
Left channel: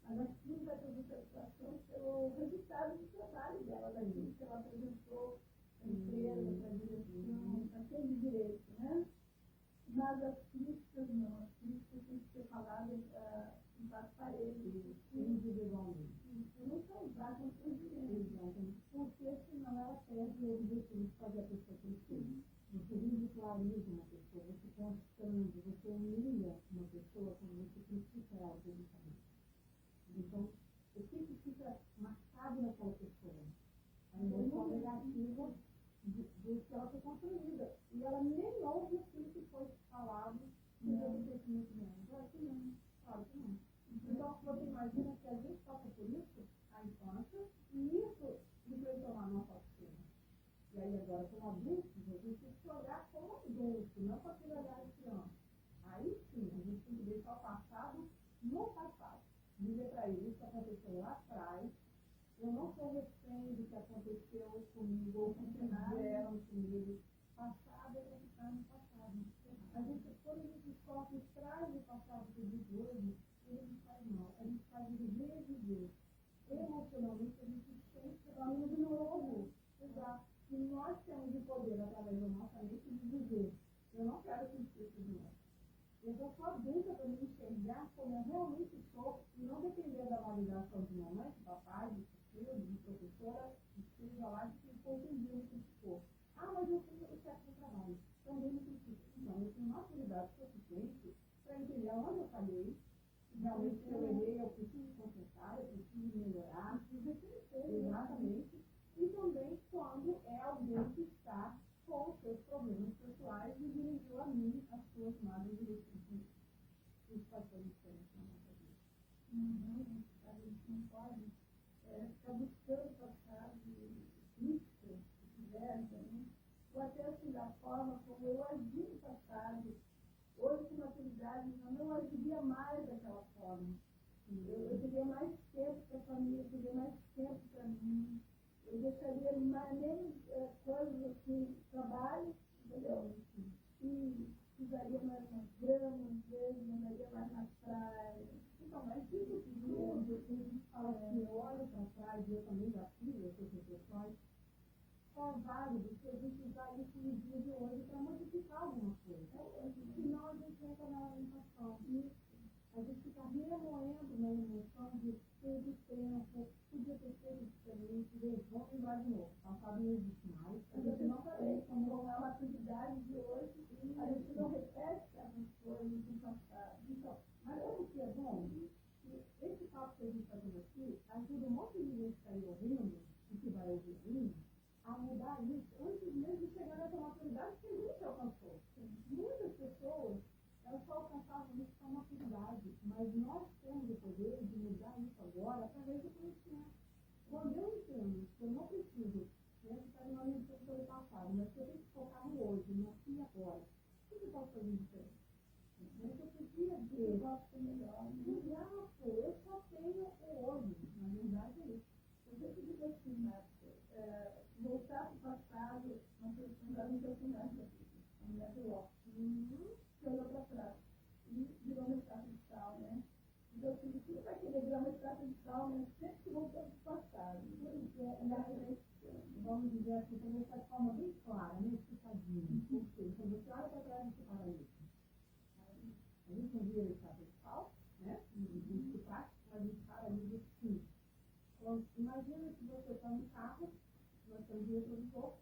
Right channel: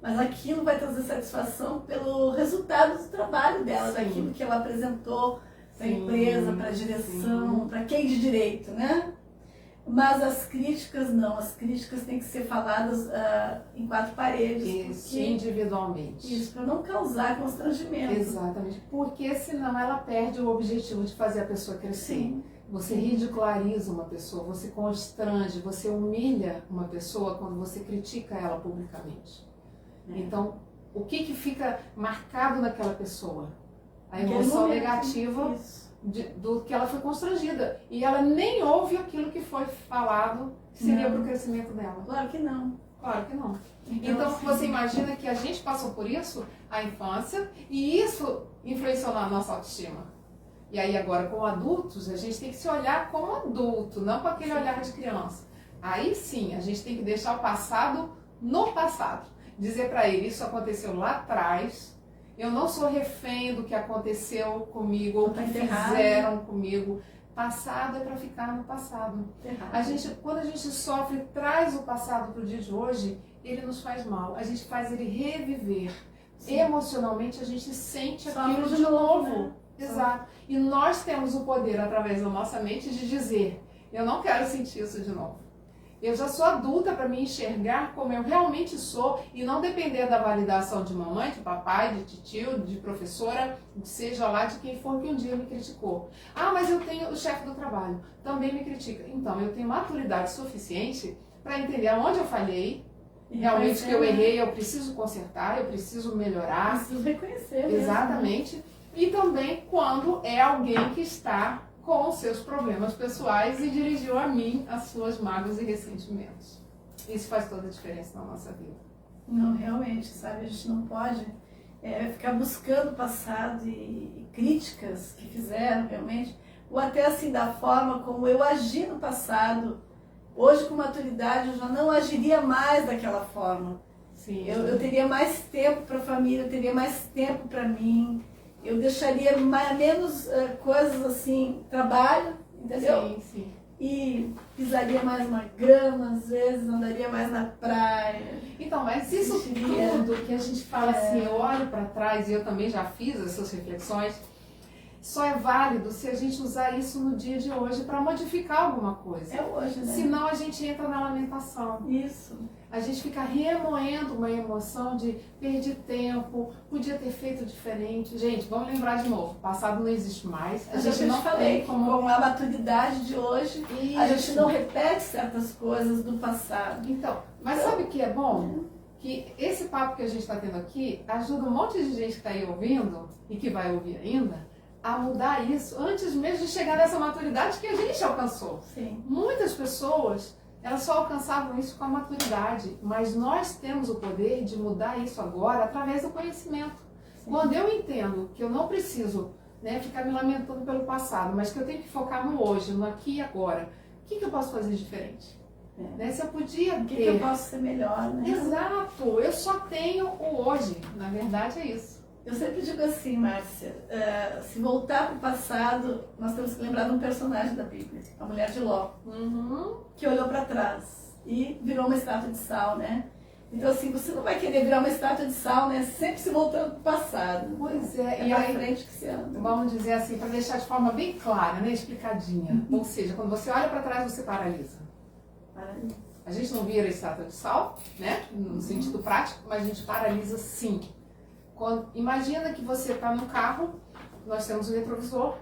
Mas aquilo vai trazer satisfação pelo resultado do trabalho dela, daquilo que ela apresentou para a empresa, para a direção, para quem de direito, né? Mas as críticas não, as críticas têm que ser faladas em quatro paredes. Isso, individualmente. Isso, para não causar constrangimento. Exatamente, porque senão ela perde o objetivo de fazer a pessoa crescer. Sim. Você ridiculariza uma pessoa, você constrange, você humilha uma pessoa quando você critica ela publicamente. Então, o que fica marcado naquela pessoa? A emoção negativa do que ela foi constrangida. E ela nem ouve aquilo que foi falado que seria para o crescimento dela. Claro que não. Claro que não. Então você imagina que a gente passou por isso, a infância, e isso influenciou na nossa autoestima. E aí agora, como adultos, a gente tem que se olhar como adulto, não com aquele olhar de criança. Aí sim, a gente tem que deixar o passado no passado. Dizer para ele, isso aconteceu lá atrás, eu não sou refém do que aconteceu comigo ou que fizeram comigo. Passado é para ficar no passado. Quando a gente sofre, traz o passado para o dia de hoje, ele nos faz mal. A gente faz ele reviver. Sim. Emocionalmente, a gente sente aquilo de novo. Né? Exato. E nós temos o poder, através da nossa mente, de dizer, eu não quero sentir isso de novo. Eu já sou adulta para me enxergar como eu realmente sou e não depender da validação de mamãe, de papai, de tio, de professora, seja lá de quem for que um dia me criticou. Mas eu tenho o chefe do trabalho, também me critica. Então, eu tenho maturidade suficiente para entender aonde eu falhei, realmente que eu errei, eu preciso consertar, eu preciso melhorar. Preciso reconhecer. Exatamente. Mesmo. E também quando é alguém que está com os seus problemas pessoais e dirigiu a mim as suas mágoas e ressentimentos. Isso faz toda a diferença na nossa vida. Não, realmente, sabe? A gente não pode ficar buscando o passado e críticas que fizeram realmente, ou até assim da forma como eu agi no passado. Hoje, com maturidade, eu já não agiria mais daquela forma. Sim. Eu teria mais tempo para a família, eu teria mais tempo para mim, eu deixaria menos coisas assim, trabalho, entendeu? Sim, sim. E pisaria mais uma grama, às vezes, andaria mais na praia. Então, mas isso tudo que a gente fala assim, eu olho para trás e eu também já fiz essas reflexões, só é válido se a gente usar isso no dia de hoje para modificar alguma coisa. É hoje, né? Senão a gente entra na lamentação. Isso. A gente fica remoendo uma emoção de perdi tempo, podia ter feito diferente. Gente, vamos lembrar de novo, o passado não existe mais. A gente não tem como... Com a maturidade de hoje, Isso. a gente não repete certas coisas do passado. Então, mas sabe o que é bom? Que esse papo que a gente está tendo aqui ajuda um monte de gente que está aí ouvindo e que vai ouvir ainda a mudar isso antes mesmo de chegar nessa maturidade que a gente alcançou. Sim. Muitas pessoas, elas só alcançavam isso com a maturidade, mas nós temos o poder de mudar isso agora através do conhecimento. Sim. Quando eu entendo que eu não preciso ficar me lamentando pelo passado, mas que eu tenho que focar no hoje, no aqui e agora, o que eu posso fazer de diferente? Se eu podia ter... O que eu posso ser melhor, né? Exato, eu só tenho o hoje, na verdade é isso. Eu sempre digo assim, Márcia, se voltar para o passado, nós temos que lembrar de um personagem da Bíblia, a mulher de Ló, que olhou para trás e virou uma estátua de sal, né? Então assim, você não vai querer virar uma estátua de sal, né? Sempre se voltando para o passado. Pois é, e aí frente que se anda. Vamos dizer assim, para deixar de forma bem clara, explicadinha. Ou seja, quando você olha para trás, você paralisa. A gente não vira estátua de sal, no sentido prático, mas a gente paralisa sim. Imagina que você está no carro, nós temos o retrovisor.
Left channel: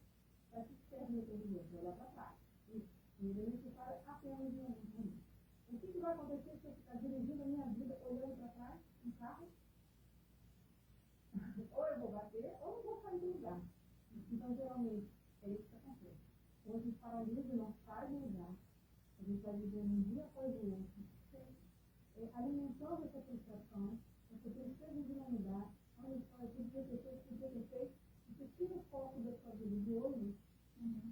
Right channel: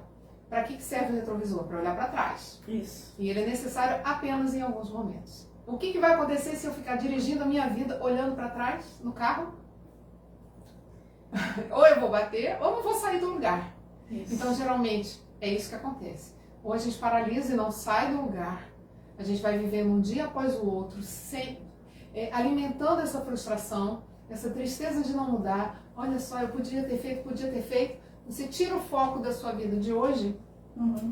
Para que serve o retrovisor? Para olhar para trás. Isso. E ele é necessário apenas em alguns momentos. O que vai acontecer se eu ficar dirigindo a minha vida olhando para trás no carro? Ou eu vou bater, ou não vou sair do lugar. Isso. Então, geralmente, é isso que acontece. Ou a gente paralisa e não sai do lugar. A gente vai vivendo um dia após o outro, alimentando essa frustração, essa tristeza de não mudar. Olha só, eu podia ter feito. Você tira o foco da sua vida de hoje,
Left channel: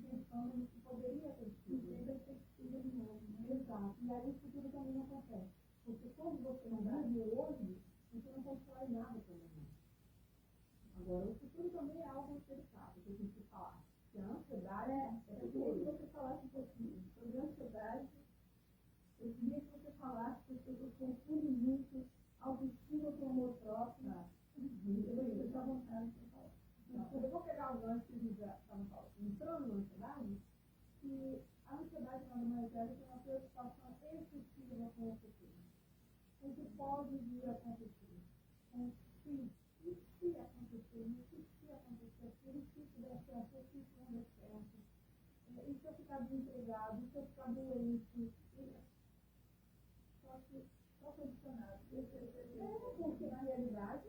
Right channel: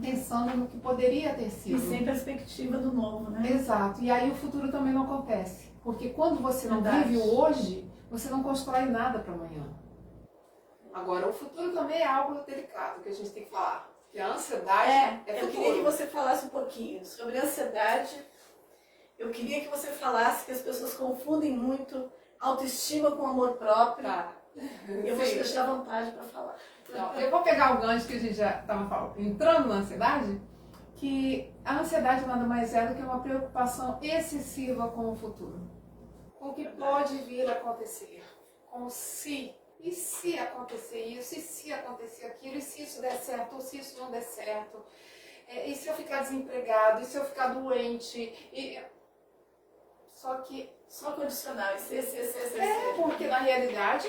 pensando no que poderia ter sido. E sem perspectiva do novo, né? Exato. E aí o futuro também não acontece. Porque quando você não vive o hoje, você não constrói nada para amanhã. Agora, o futuro também é algo delicado que a gente tem que falar. Que a ansiedade é futuro. Eu queria que você falasse um pouquinho sobre a ansiedade. Eu queria que você falasse que as pessoas confundem muito autoestima com amor próprio. Tá. Eu vou te deixar à vontade para falar. Não, eu vou pegar o gancho que a gente já estava entrando na ansiedade, que a ansiedade nada mais é do que uma preocupação excessiva com o futuro. Com o que pode vir a acontecer. Com o se. E se acontecer isso? E se acontecer aquilo? E se isso der certo? Ou se isso não der certo? E se eu ficar desempregado? E se eu ficar doente? Só condicional. Porque na realidade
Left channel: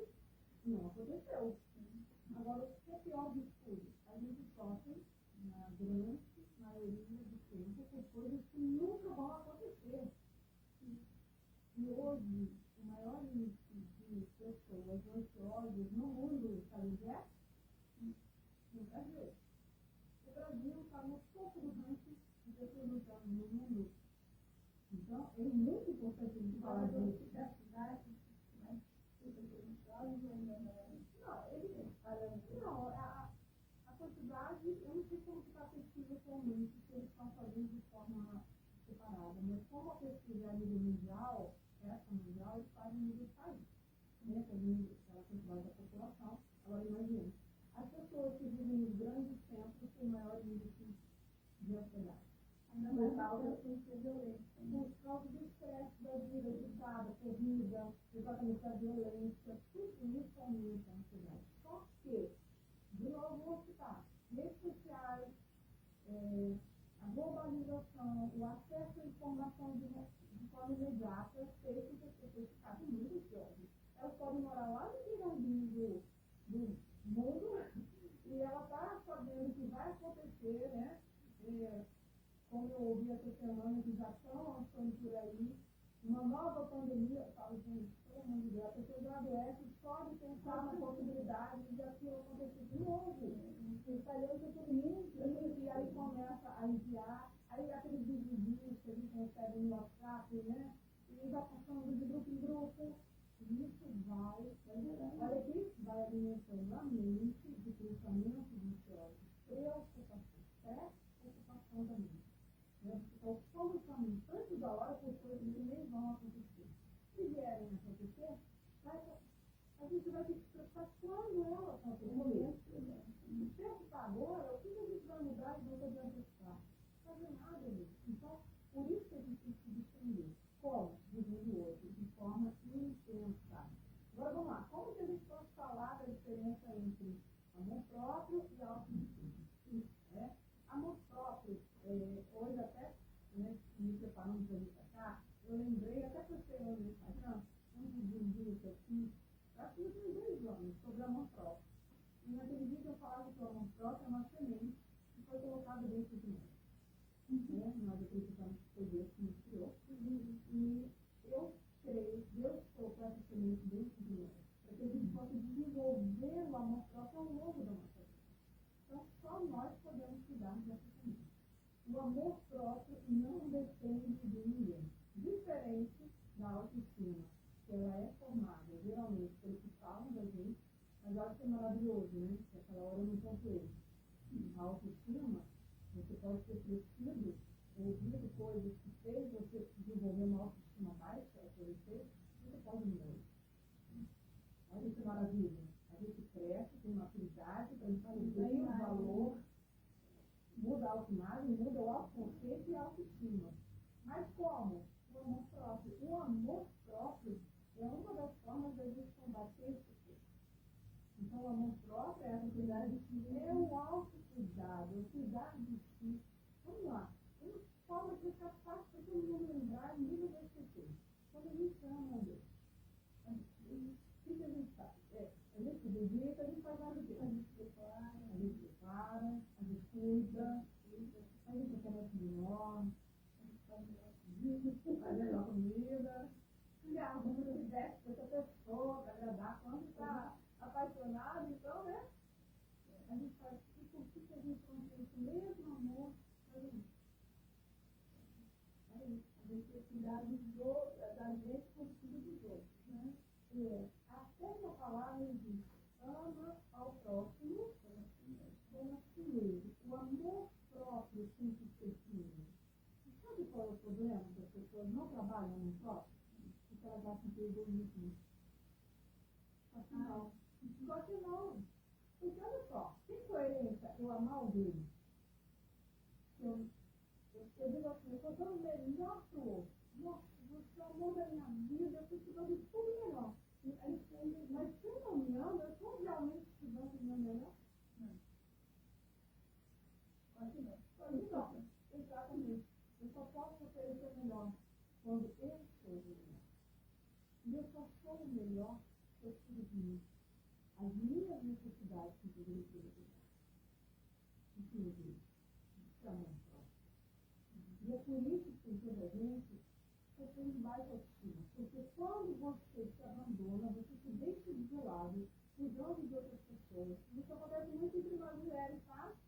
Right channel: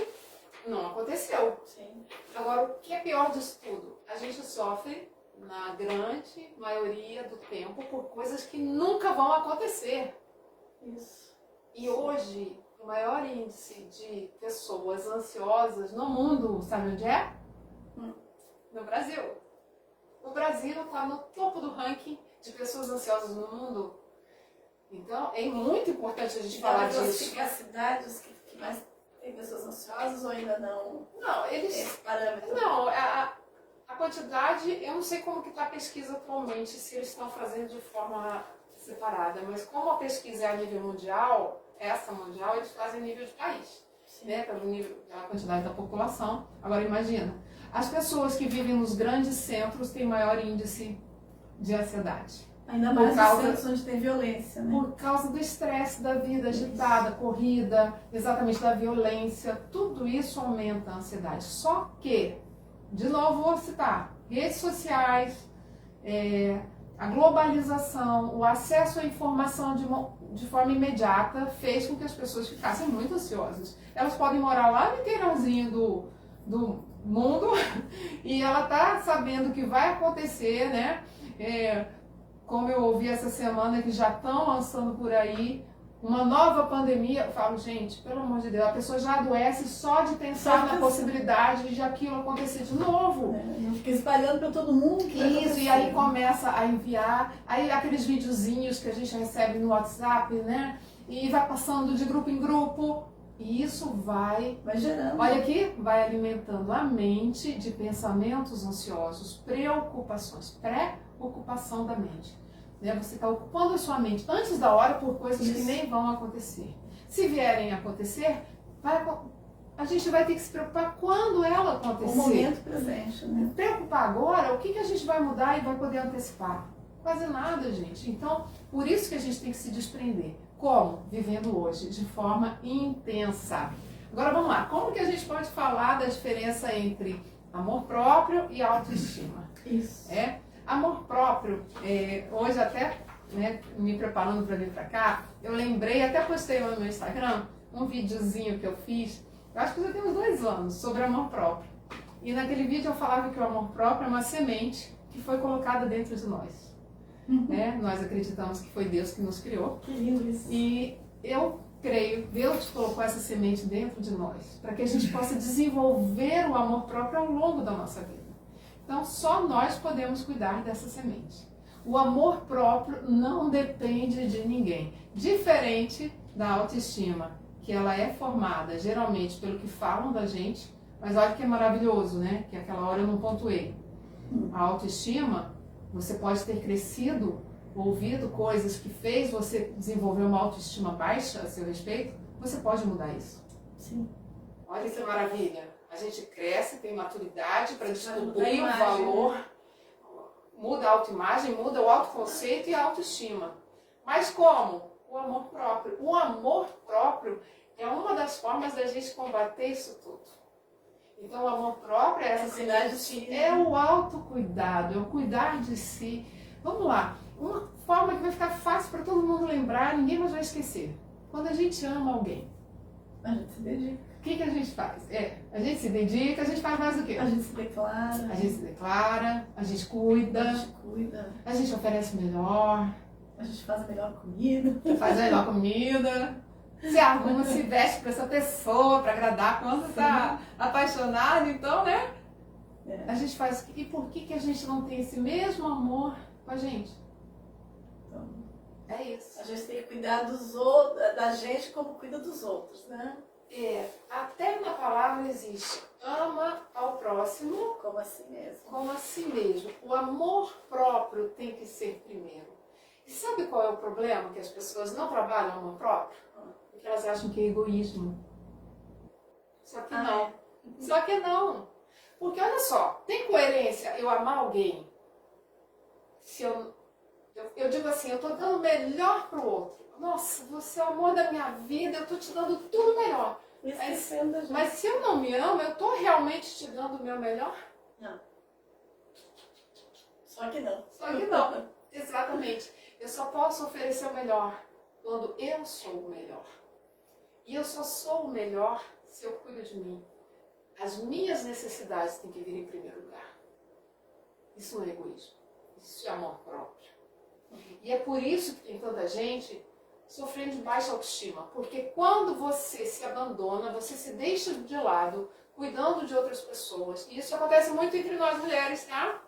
não aconteceu. Sim. Agora, o que é pior disso tudo? A gente sofre, na grande maioria do tempo, por coisas que nunca vão acontecer. Isso. E hoje, o maior índice de pessoas ansiosas no mundo, sabe onde é? No Brasil. O Brasil está no topo do ranking de pessoas ansiosas no mundo. Então, é muito importante a gente falar disso. As cidades que mais tem pessoas ansiosas ou ainda não? Não, eles... Esse parâmetro? Não, a quantidade, eu não sei como que está a pesquisa atualmente, se eles estão fazendo de forma separada, mas como a pesquisa é a nível mundial, essa mundial, eles fazem nível de país, pelo nível da quantidade da população. Agora imagina, as pessoas que vivem nos grandes centros têm maior índice de ansiedade. Ainda mais nos centros onde tem violência, né? Por causa do estresse da vida agitada, corrida, exatamente da violência, tudo isso aumenta a ansiedade. Só que, de novo vou citar, redes sociais, a globalização, o acesso à informação de forma imediata fez com que as pessoas ficassem muito ansiosas. Elas podem morar lá no interiorzinho do mundo e ela está sabendo o que vai acontecer, né? Como eu ouvi essa semana que já estão lançando por aí uma nova pandemia, eu falo, gente, pelo amor de Deus, a pessoa já adoece só de pensar na possibilidade de aquilo acontecer de novo. Não fica espalhando para todo mundo. Isso, e aí começa a enviar, aí aqueles videozinhos que a gente recebe no WhatsApp, né? E vai passando de grupo em grupo. E isso vai gerando. Olha aqui, vai alimentando a mente de pensamentos ansiosos, preocupações, pré-ocupação da mente. Né? Você está ocupando a sua mente antes da hora por coisas que nem vão acontecer. Se vierem a acontecer, a gente vai ter que se preocupar quando ela acontecer. O momento presente, né? Preocupar agora, o que a gente vai mudar e vai poder antecipar? Quase nada, gente. Então, por isso que a gente tem que se desprender. Como? Vivendo hoje, de forma intensa. Agora vamos lá, como que a gente pode falar da diferença entre amor próprio e autoestima? Isso. Amor próprio, hoje até, né, me preparando para vir para cá, eu lembrei, até postei lá no meu Instagram, um videozinho que eu fiz, eu acho que já tem uns 2 anos, sobre amor próprio. E naquele vídeo eu falava que o amor próprio é uma semente que foi colocada dentro de nós. Nós acreditamos que foi Deus que nos criou. Que lindo isso. E eu creio, Deus colocou essa semente dentro de nós, para que a gente possa desenvolver o amor próprio ao longo da nossa vida. Então, só nós podemos cuidar dessa semente. O amor próprio não depende de ninguém. Diferente da autoestima, que ela é formada geralmente pelo que falam da gente, mas olha que é maravilhoso, né? Que aquela hora eu não pontuei. A autoestima, você pode ter crescido, ouvido coisas que fez você desenvolver uma autoestima baixa a seu respeito, você pode mudar isso. Sim. Olha que maravilha. A gente cresce, tem maturidade para descobrir o valor, muda a autoimagem, muda o autoconceito e a autoestima. Mas como? O amor próprio. O amor próprio é uma das formas da gente combater isso tudo. Então, o amor próprio é essa semente, é o autocuidado, é o cuidar de si. Vamos lá, uma forma que vai ficar fácil para todo mundo lembrar, ninguém mais vai esquecer. Quando a gente ama alguém, a gente se dedica. O que a gente faz? A gente se dedica, a gente faz mais o quê? A gente se declara. A gente se declara, a gente cuida. A gente oferece o melhor. A gente faz a melhor comida. Faz a melhor comida. Se arruma, se veste para essa pessoa, para agradar quando está apaixonado, então, né? A gente faz. E por que a gente não tem esse mesmo amor com a gente? Então, é isso. A gente tem que cuidar dos outros, da gente como cuida dos outros, né? Até na palavra existe ama ao próximo como a si mesmo. Como a si mesmo. O amor próprio tem que ser primeiro. E sabe qual é o problema? Que as pessoas não trabalham o amor próprio? Porque elas acham que é egoísmo. Só que não. Só que não. Porque olha só, tem coerência eu amar alguém se eu digo assim, eu estou dando o melhor pro outro. Nossa, você é o amor da minha vida, eu estou te dando tudo melhor. Mas se eu não me amo, eu estou realmente te dando o meu melhor? Não. Só que não. Só que não. Exatamente. Eu só posso oferecer o melhor quando eu sou o melhor. E eu só sou o melhor se eu cuido de mim. As minhas necessidades têm que vir em primeiro lugar. Isso não é egoísmo. Isso é amor próprio. E é por isso que tem tanta gente sofrendo de baixa autoestima. Porque quando você se abandona, você se deixa de lado, cuidando de outras pessoas. E isso acontece muito entre nós mulheres, tá?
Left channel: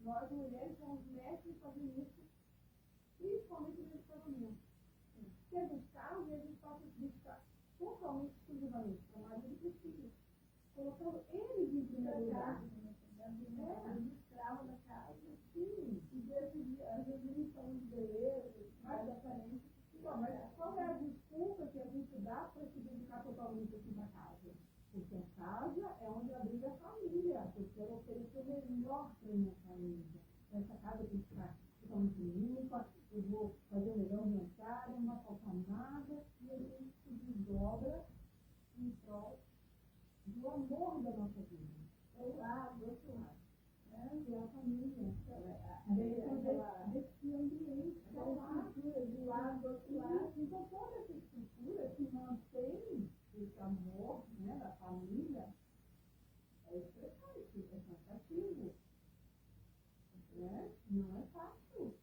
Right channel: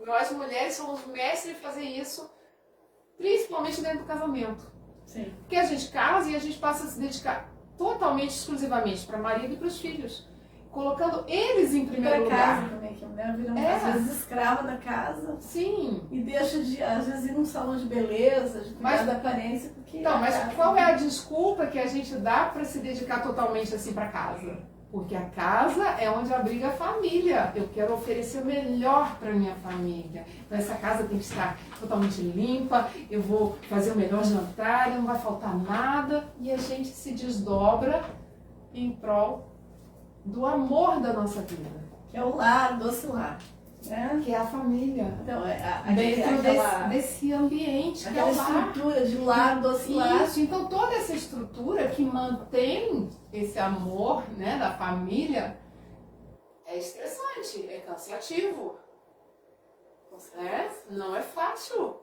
Nós mulheres somos mestres em fazer isso, principalmente dentro do casamento. Sim. Porque a gente casa e a gente passa a se dedicar totalmente, exclusivamente para o marido e para os filhos. Colocando eles em primeiro lugar. Casa também, que a mulher vira às vezes escrava da casa. Sim. E deixa de, às vezes, ir num salão de beleza, de cuidar da aparência. Porque mas qual é a desculpa que a gente dá para se dedicar totalmente assim para casa? Porque a casa é onde abriga a família. Eu quero oferecer o melhor para minha família. Então essa casa tem que estar totalmente limpa, eu vou fazer o melhor jantar, não vai faltar nada. E a gente se desdobra em prol do amor da nossa vida. Que é o lar, doce lar. Né? Que é a família. Então, dentro desse ambiente que é o lar. Estrutura de lar, doce lar. Isso, então toda essa estrutura que mantém esse amor, né, da família é estressante, é cansativo. Não é fácil.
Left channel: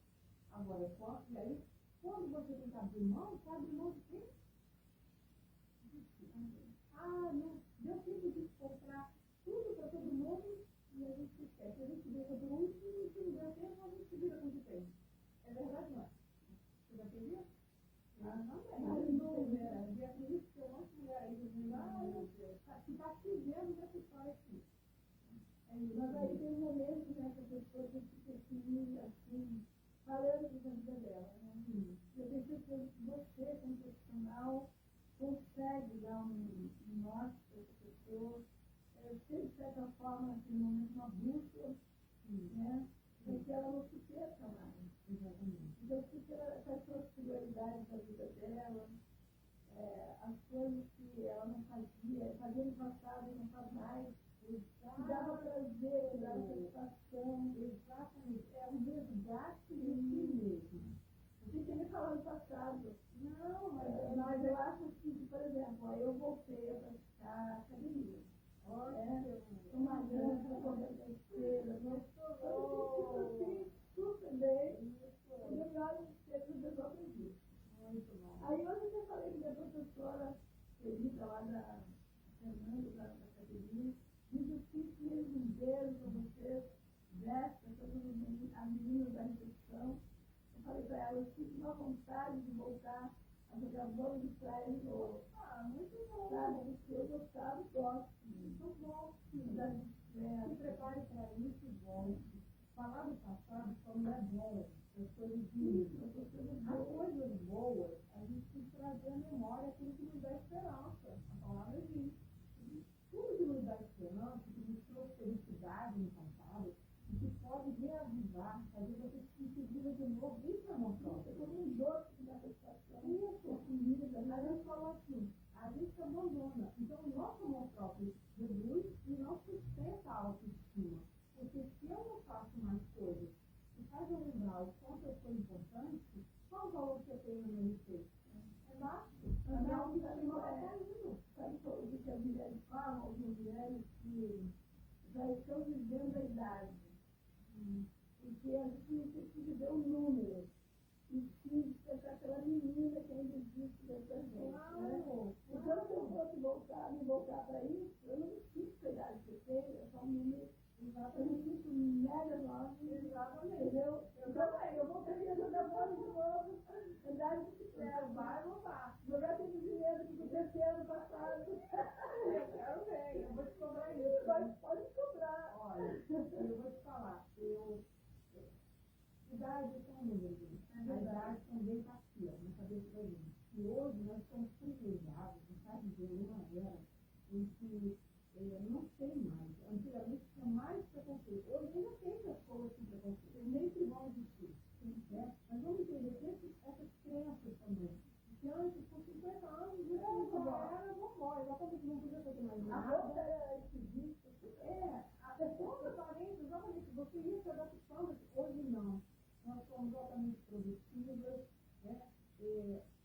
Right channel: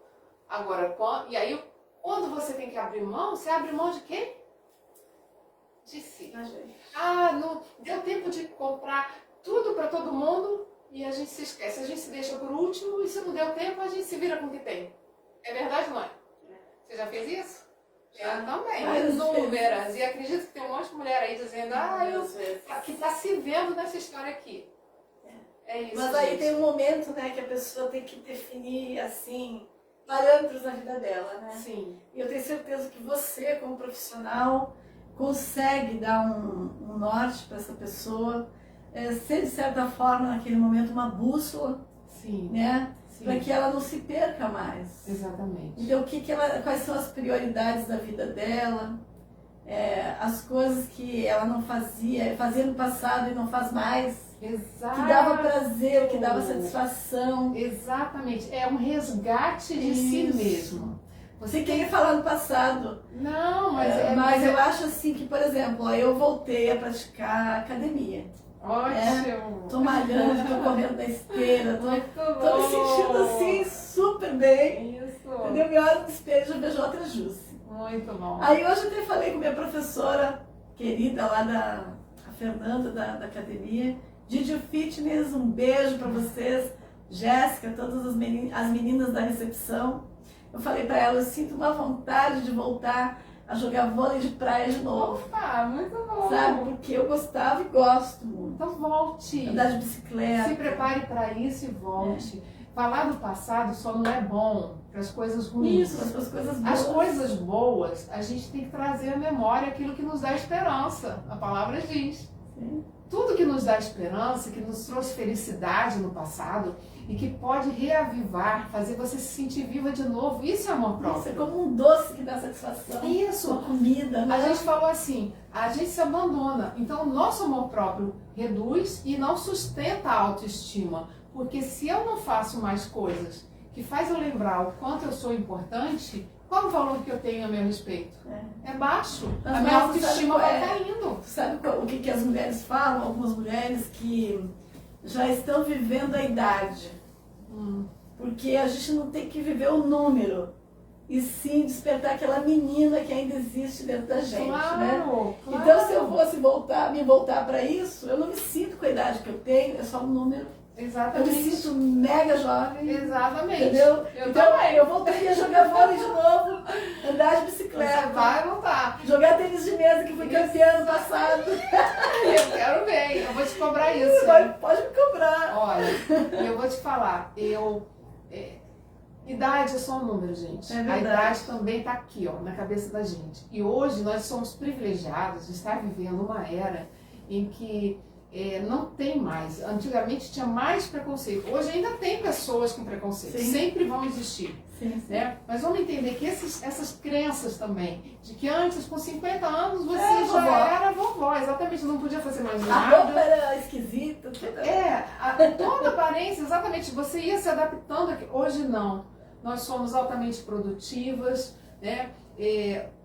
Agora, e aí Quando você tem que abrir mão, você abre mão de quê? De si. Não deu tempo de comprar tudo para todo mundo e a gente se esquece. A gente se deixa por último e se não deu tempo, a gente se vira com o que tem. É verdade, não é? Você já fez isso? Eu também, inúmeras. E acredito que tem um monte de mulher aí dizendo, que está se vendo nessa história aqui. É isso. Mas aí tem um momento, né, que a pessoa tem que definir, assim, parâmetros na vida dela, né? Sim. E eu tenho certeza que você, como profissional, consegue dar um norte para essa pessoa, ser, de certa forma, naquele momento, uma bússola, sim, né? Para que ela não se perca mais. Exatamente. Então, quais são as prioridades da vida dela, as coisas que ela não fazia no passado e não faz mais. Exato. Que dava prazer, que dava satisfação. Exatamente. É um resgate de si mesmo. Você queria falar no passado. Não, mas eu acho assim que, por exemplo, eu voltei a praticar academia. Ótimo! Tô malhando, tô correndo na esteira, tô me sentindo assim super bem. Isso! Quando eu me olho no espelho, eu vejo outra Jussi. Muito bom! Aí hoje eu até falei com minha professora querida lá a Fernanda da academia, Didi Fitness, um beijo pra vocês, Jéssica, todas as meninas da recepção. Eu falei pra ela, eu sinto uma vontade de voltar a jogar vôlei de praia de novo. Opa, muito bom! Sabe, porque eu gostava e gosto muito. Então volte. Andar de bicicleta. Se prepare para isso e volte. Falar do passado só não é bom para as coisas ruins. Isso, as coisas boas. As coisas boas, a gente tem que trazer à memória aquilo que nos dá esperança. A palavra diz. Sim. Tudo que nos dá esperança, que nos trouxe felicidade no passado e que pode reavivar, fazer você se sentir viva de novo, isso é amor próprio. Isso é como um doce que dá satisfação. Isso. Uma comida, né? A gente falou assim, a gente se abandona. Então o nosso amor próprio reduz e não sustenta a autoestima. Porque se eu não faço mais coisas que faz eu lembrar o quanto eu sou importante, qual o valor que eu tenho a meu respeito? É baixo. A minha autoestima vai caindo. Sabe o que as mulheres falam? Algumas mulheres que já estão vivendo a idade. Porque a gente não tem que viver o número, e sim despertar aquela menina que ainda existe dentro da gente, né? Claro. Então, se eu fosse me voltar para isso, eu não me sinto com a idade que eu tenho, é só um número. Exatamente. Eu me sinto mega jovem. Exatamente. Entendeu? Eu então, também. eu voltaria a jogar vôlei de novo, andar de bicicleta. Você vai voltar. Jogar tênis de mesa, que fui campeã ano passado. Eu quero ver, eu vou te cobrar isso. Pode me cobrar. Olha, eu vou te falar, idade é só um número, gente. A idade também está aqui, ó, na cabeça da gente. E hoje nós somos privilegiados de estar vivendo uma era em que não tem mais. Antigamente tinha mais preconceito. Hoje ainda tem pessoas com preconceito. Sim. Sempre vão existir. Sim. Né? Mas vamos entender que essas crenças também, de que antes, com 50 anos, você já vovó. Era vovó. Exatamente, não podia fazer mais A nada. roupa era esquisita. Toda aparência, exatamente. Você ia se adaptando. Hoje não. Nós somos altamente produtivas, né?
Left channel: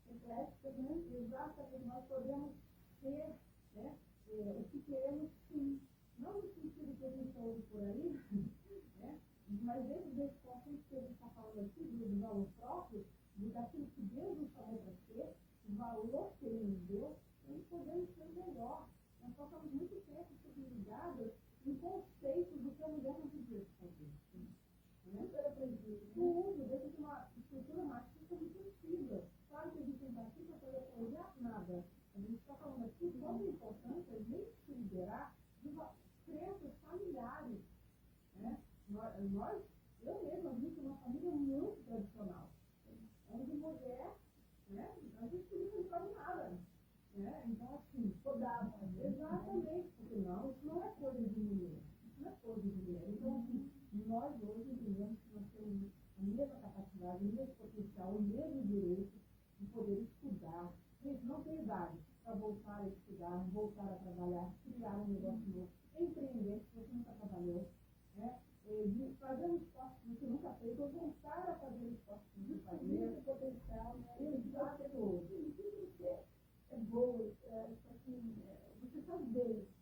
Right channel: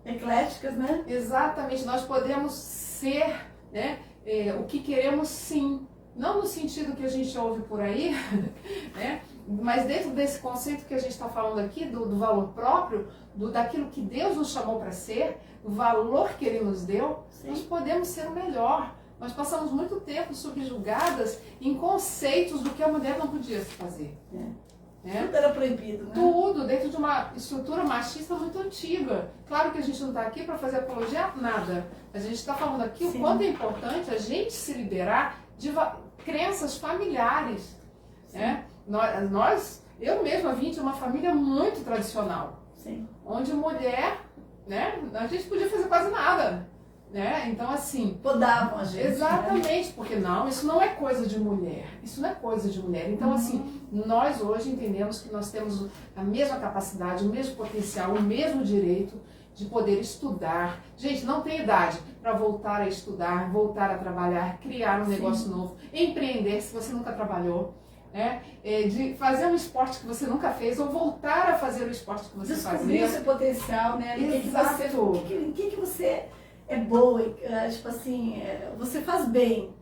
Ecléticas, né? Exatamente. Nós podemos ser, né? O que queremos, sim. Não no sentido que a gente ouve por aí, né? Mas dentro desse conceito que a gente está falando aqui, do valor próprio, daquilo que Deus nos chamou para ser, do valor que Ele nos deu, sim, nós podemos ser o melhor. Nós passamos muito tempo subjugadas em conceitos do que a mulher não podia se fazer. Tudo era proibido, né? Tudo, dentro de uma estrutura machista muito antiga. Claro que a gente não está aqui para fazer apologia a nada. A gente está falando aqui, sim, o quanto é importante a gente se liberar de crenças familiares. Né? Eu mesma vim de uma família muito tradicional. Sim. Onde mulher, né, a gente podia fazer quase nada. Né? Então, assim... Podavam a gente. Exatamente, né? Porque não, isso não é coisa de mulher. Isso não é coisa de mulher. Então, assim, nós hoje entendemos que nós temos a mesma capacidade, o mesmo potencial, o mesmo direito de poder estudar. Gente, não tem idade para voltar a estudar, voltar a trabalhar, criar um negócio novo, empreender se você nunca trabalhou. Né? De fazer um esporte que você nunca fez ou voltar a fazer o esporte que você fazia. Descobrir o seu potencial, né? Em que você é boa, tipo assim, você faz bem.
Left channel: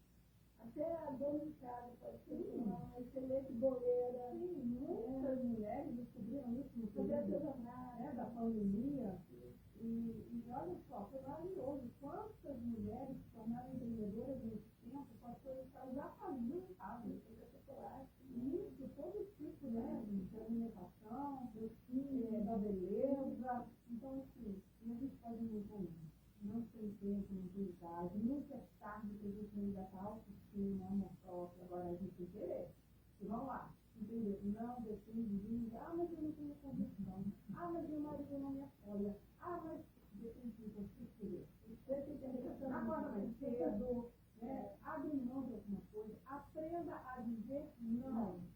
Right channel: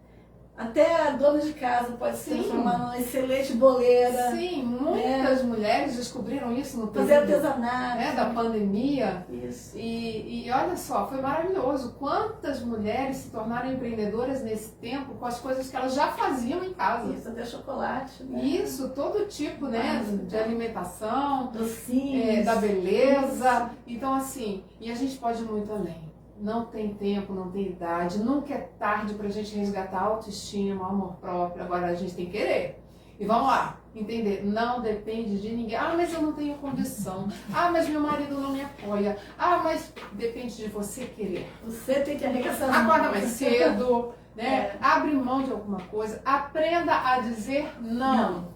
Até a dona de casa pode se Sim. transformar numa excelente boleira. Sim, muitas mulheres descobriram isso no Fazer período, artesanato. né, da pandemia. Isso. E olha só, foi maravilhoso. Quantas mulheres se tornaram empreendedoras nesse tempo com as coisas que elas já faziam em casa. Isso, até chocolate. Né? Isso, todo tipo, né, de alimentação, Docinhos. da beleza. Então, assim, e a gente pode ir muito além. Não tem tempo, não tem idade, nunca é tarde pra gente resgatar a autoestima, amor próprio. Agora a gente tem que querer. E vamos lá, entender, não depende de ninguém. Ah, mas eu não tenho condição. Ah, mas meu marido não me apoia. Ah, mas depende de você querer. Você tem que arregaçar. Acorda mais cedo, né? Abre mão de alguma coisa. Aprenda a dizer não.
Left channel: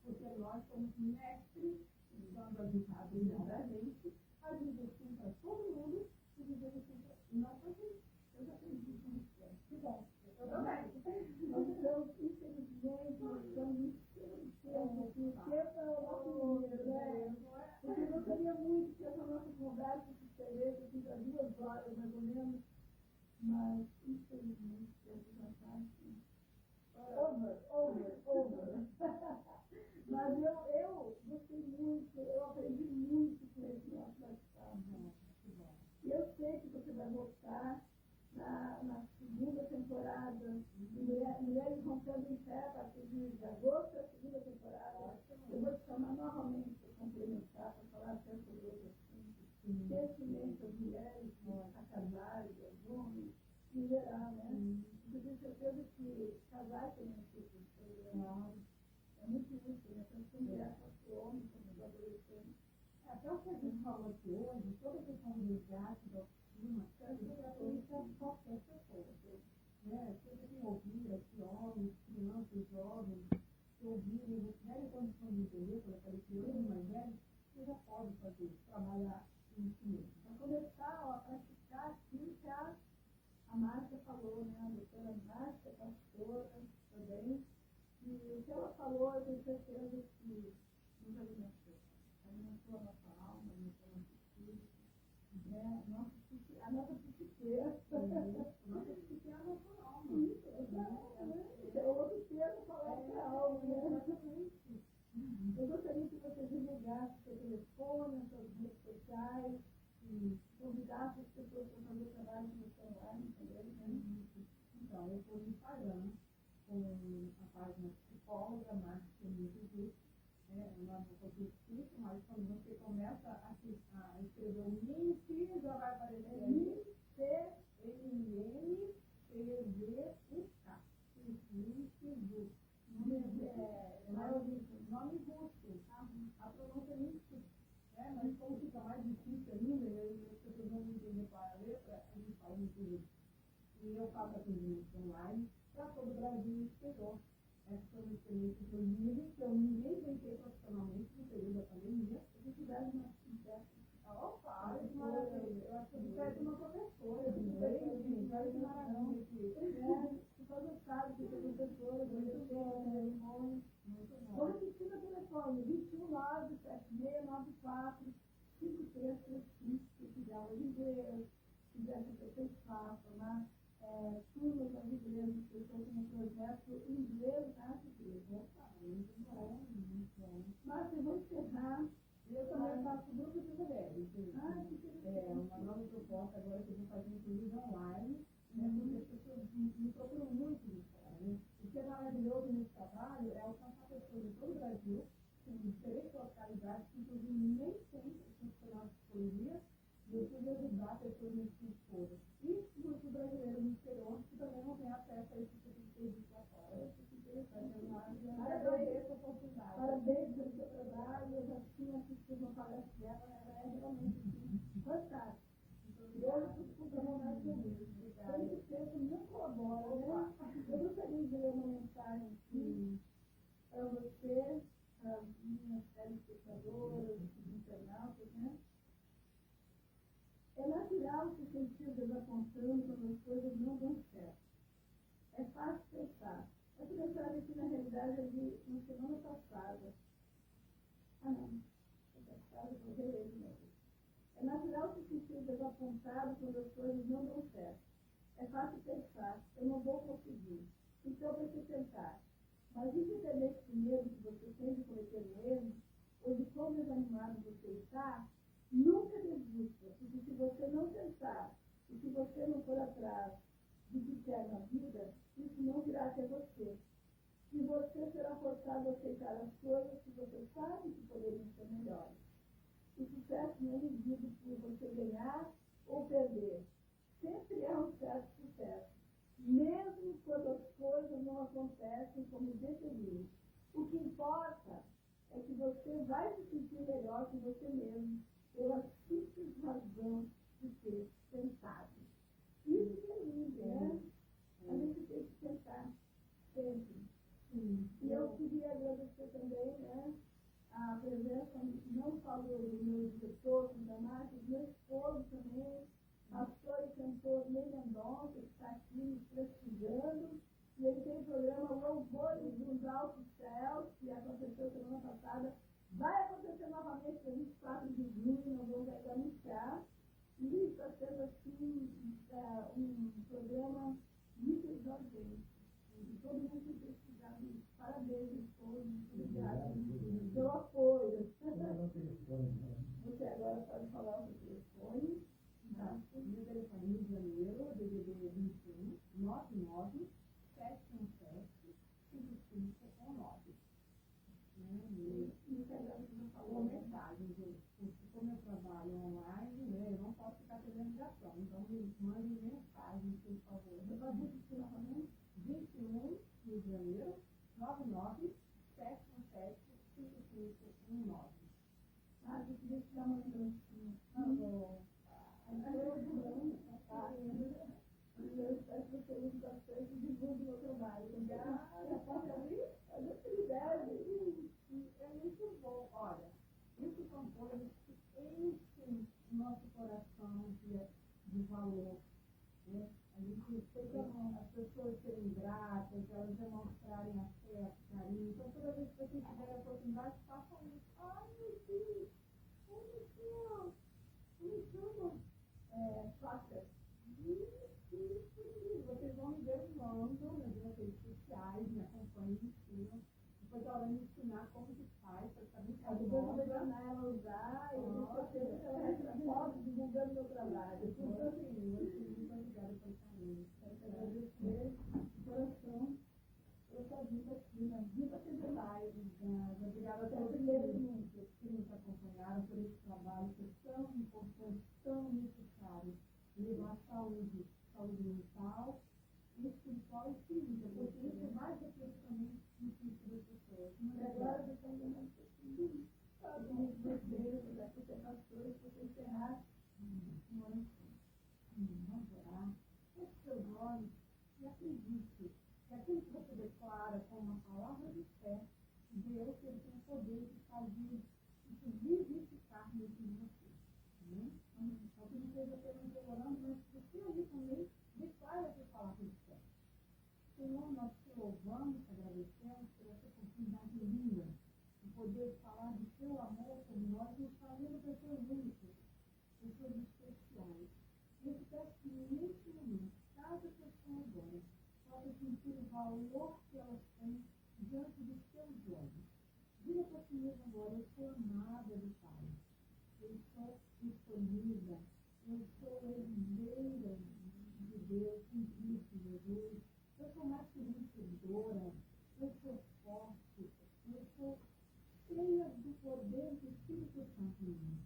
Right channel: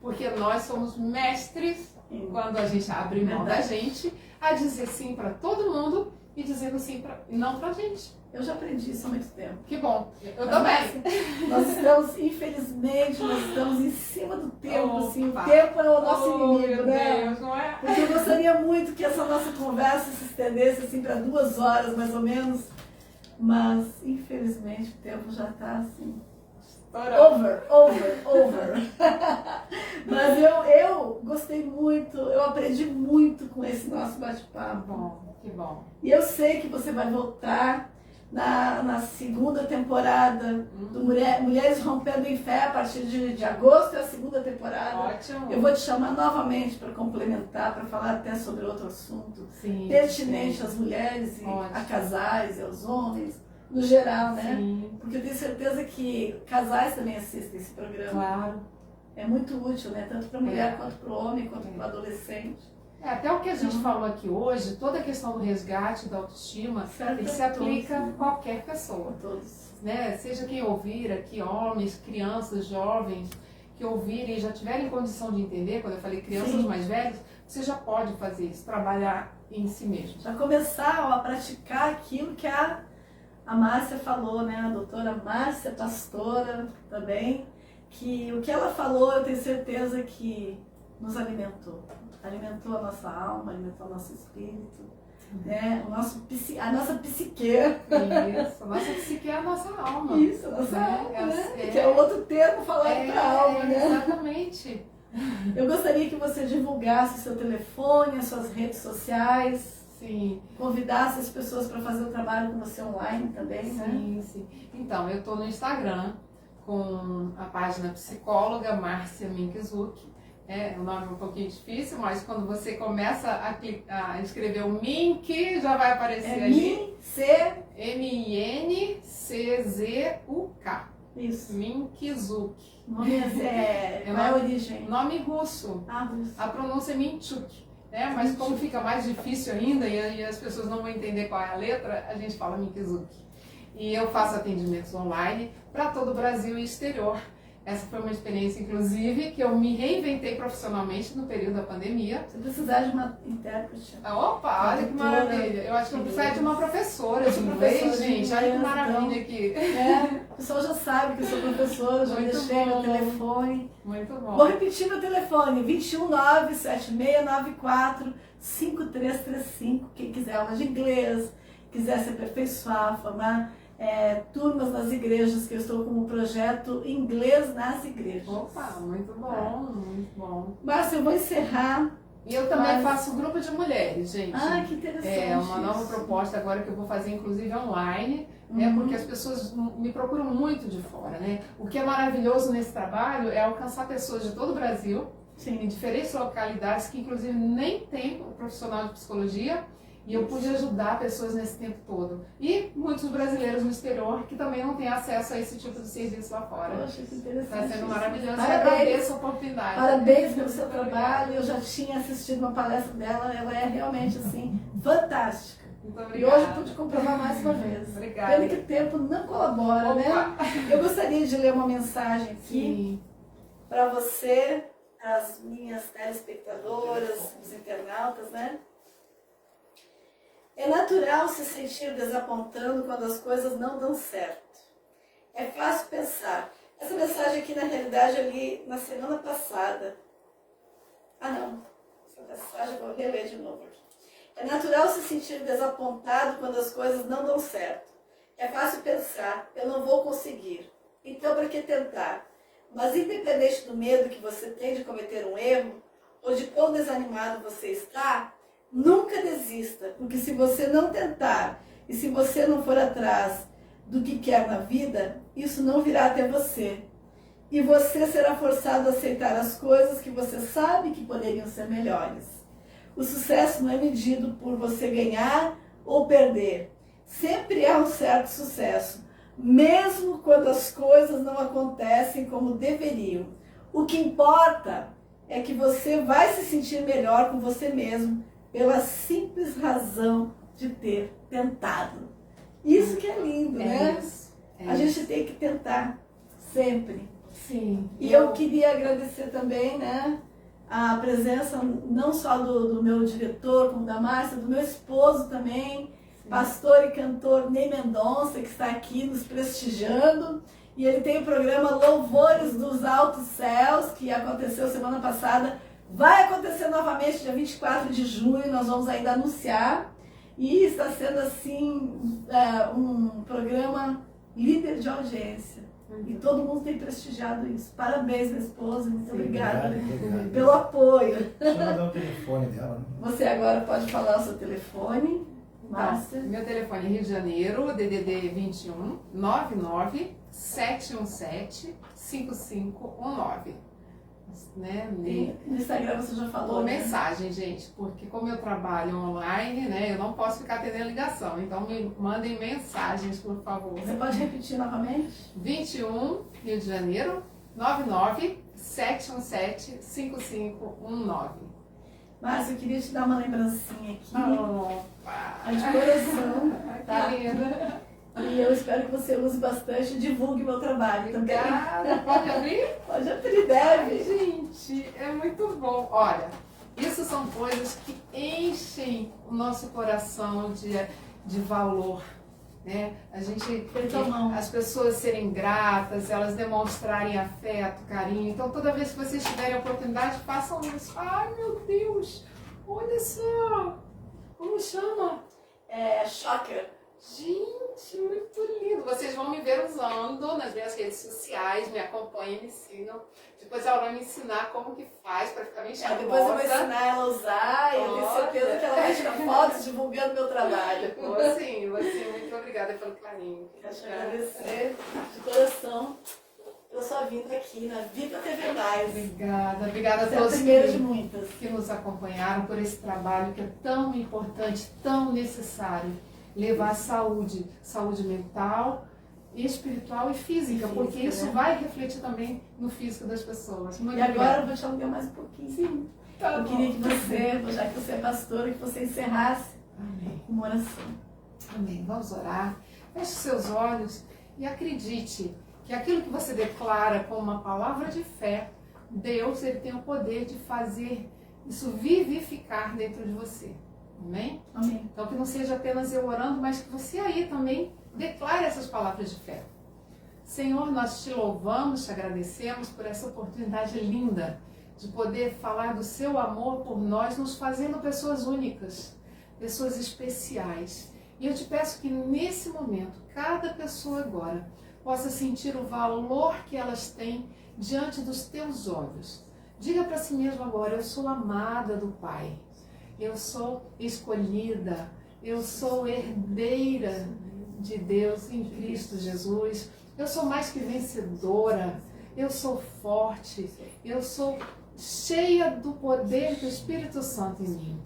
Porque nós somos mestres, quando a gente abre mão da gente, a dizer sim para todo mundo e dizendo sim não pra gente. Eu já aprendi isso há muito tempo. Que bom. Eu também. Nós estamos, infelizmente, nós estamos em cima do tempo, assim. O Opa. tempo é o nosso inimigo, meu né? Deus, não é? Porque eu gostaria muito que essa nossa conversa se estendesse assim para 2 horas, mais ou menos. Mas, infelizmente, o tempo já está assim. Over. Mas eu gostei muito, eu aprendi muito com esse nosso bate-papo. Bom, que bom. E eu sei que você vai voltar na segunda temporada do Mulheres Rompendo em Fé, a partir de agosto é a segunda temporada. Ótimo. Eu vou te chamar novamente para complementar, para falar até sobre outro assunto Sim, pertinente sim. às mulheres, e Ótimo. a casais e aos homens, no geral, né? Sim, Porque eu tenho certeza que casais também assistem esse programa. claro. É muito útil, né? Tanto para a mulher, quanto para o homem, quanto para o adolescente. Até o que a gente falou aqui hoje, toda a questão do resgate, da autoestima, ele se aplica a qualquer pessoa. Todos. Né? Seja quem ouvir aqui, homens, crianças, jovens, que ouvirem e já tiverem condição de entender, quando eu falei crianças Sim. mais velhas, você já pode fazer isso, trabalhar em si mesmo. Já começar a praticar aquilo que a Márcia falou, né? A doutora Márcia, pastora também, que o que ela falou, eu tenho certeza que nos alimentou. Alimentou a nossa alma, alimentou o nosso espírito, né? A nossa psique. Isso, a nossa psique é a nossa alma. Isso, a nossa né? alma, né? Que é o outro termo falado para a alma, né? Exatamente. Eu gostaria que você divulgasse o seu telefone, as suas redes sociais. Sim. Convidasse as pessoas para fazer o trabalho com você online também, né? Sim. Então, eu estou no Instagram com a página Psicóloga Márcia Minkizuki. O nome é um pouquinho difícil, mas quando você começa a escrever o Mink, já vai aparecer ali. Minczuk. Isso. Minkizuki. Nome qual é a origem? Nome russo. Russo. A pronúncia é Minchuk. Mas como fica mais difícil ainda e as pessoas não vão entender qual é a letra, a gente fala Minkizuki. E eu faço atendimentos online para todo o Brasil e exterior. Essa foi uma experiência, inclusive, que eu me reinventei profissionalmente no período da pandemia. Se precisar de uma intérprete. Opa, olha que maravilha. Eu acho que eu preciso de uma professora de inglês, gente. Olha que maravilha aqui. O pessoal já sabe que eu sou professora, já deixei meu telefone. Muito bom. Vou repetir meu telefone, 219-7694-5335. Quem quiser aula de inglês, quiser se aperfeiçoar, formar turmas nas igrejas, que eu estou com o projeto Inglês nas Igrejas. Opa, muito bom, muito bom. Márcia, eu vou encerrar. E eu também faço grupo de mulheres, gente. Que interessante. É uma nova proposta agora que eu vou fazer, inclusive online, porque as pessoas me procuram muito de fora, né? O que é maravilhoso nesse trabalho é alcançar pessoas de todo o Brasil, em diferentes localidades, que inclusive nem tem profissional de psicologia, e eu pude ajudar pessoas nesse tempo todo. E muitos brasileiros no exterior que também não têm acesso a esse tipo de serviço lá fora. Poxa, que interessante. Está sendo maravilhoso. Parabéns. Eu agradeço a oportunidade. Parabéns pelo seu trabalho. Eu já tinha assistido uma palestra dela. Ela é realmente, assim, fantástica. Muito E obrigada. hoje pude comprovar mais uma vez. Obrigada. Pelo que o tempo não colabora, né? Eu gostaria de ler uma mensagem aqui para você, as minhas telespectadoras, os internautas, né? É natural se sentir desapontando quando as coisas não dão certo. É fácil pensar. Essa mensagem aqui, na realidade, eu li na semana passada. Não. Essa mensagem eu vou reler de novo aqui. É natural se sentir desapontado quando as coisas não dão certo. É fácil pensar, eu não vou conseguir. Então, para que tentar? Mas independente do medo que você tem de cometer um erro, ou de quão desanimado você está, nunca desista, porque se você não tentar e se você não for atrás do que quer na vida, isso não virá até você. E você será forçado a aceitar as coisas que você sabe que poderiam ser melhores. O sucesso não é medido por você ganhar ou perder. Sempre há um certo sucesso, mesmo quando as coisas não acontecem como deveriam. O que importa é que você vai se sentir melhor com você mesmo pela simples razão de ter tentado. Isso que é lindo, né? Isso, a gente tem que tentar sempre. Sim. E eu queria agradecer também, né, a presença não só do meu diretor, como da Márcia, do meu esposo também, pastor e cantor Ney Mendonça, que está aqui nos prestigiando. E ele tem o programa Louvores dos Altos Céus, que aconteceu semana passada. Vai acontecer novamente dia 24 de junho, nós vamos ainda anunciar. E está sendo, assim, um programa líder de audiência. E todo mundo tem prestigiado isso. Parabéns, minha esposa. Muito obrigada pelo apoio. Deixa eu dar o telefone dela. Você agora pode falar o seu telefone. Márcia. Então, meu telefone é Rio de Janeiro, DDD 21 99 717 5519. Né? No Instagram você já falou. Ou né? mensagem, gente, porque como eu trabalho online, né, eu não posso ficar atendendo ligação. Então me mandem mensagens, por favor. Você pode repetir novamente? 21, Rio de Janeiro, 99 717 5519. Márcia, eu queria te dar uma lembrancinha aqui. Opa. De coração. Tá? Que linda. E eu espero que você use bastante e divulgue meu trabalho também. Obrigada. Pode abrir? Pode abrir, deve. Gente, é muito bom. Olha, isso são coisas que enchem o nosso coração de valor. Né? As pessoas serem gratas, elas demonstrarem afeto, carinho. Então, toda vez que vocês tiverem a oportunidade, façam isso. Ai, meu Deus, olha só. Como chama? Shocker. Gente, muito lindo. Vocês vão me ver usando nas minhas redes sociais, me acompanhem, me sigam. Depois ela vai me ensinar como que faz para ficar bem charmosa. Depois eu vou ensinar ela a usar e eu tenho certeza que ela vai tirar fotos divulgando meu trabalho. Vou sim. Muito obrigada pelo carinho. Quero te agradecer de coração pela sua vinda aqui na Viva TV Mais. Obrigada a Você todos é a primeira de muitas que nos acompanharam por esse trabalho que é tão importante, tão necessário. Levar saúde mental, espiritual e física, porque isso vai refletir também no físico das pessoas. Muito e obrigada. Agora eu vou te alugar mais um pouquinho. Sim. Tá eu bom. queria que você, já que você é pastora, que você encerrasse com uma oração. Amém. Vamos orar. Feche seus olhos e acredite que aquilo que você declara com uma palavra de fé, Deus ele tem o poder de fazer isso vivificar dentro de você. Amém? Amém. Então que não seja apenas eu orando, mas que você aí também declare essas palavras de fé. Senhor, nós te louvamos, te agradecemos por essa oportunidade linda de poder falar do seu amor por nós, nos fazendo pessoas únicas, pessoas especiais. E eu te peço que nesse momento, cada pessoa agora possa sentir o valor que elas têm diante dos teus olhos. Diga para si mesmo agora, eu sou amada do Pai. Eu sou escolhida, eu sou herdeira de Deus em Cristo Jesus. Eu sou mais que vencedora, eu sou forte, eu sou cheia do poder do Espírito Santo em mim.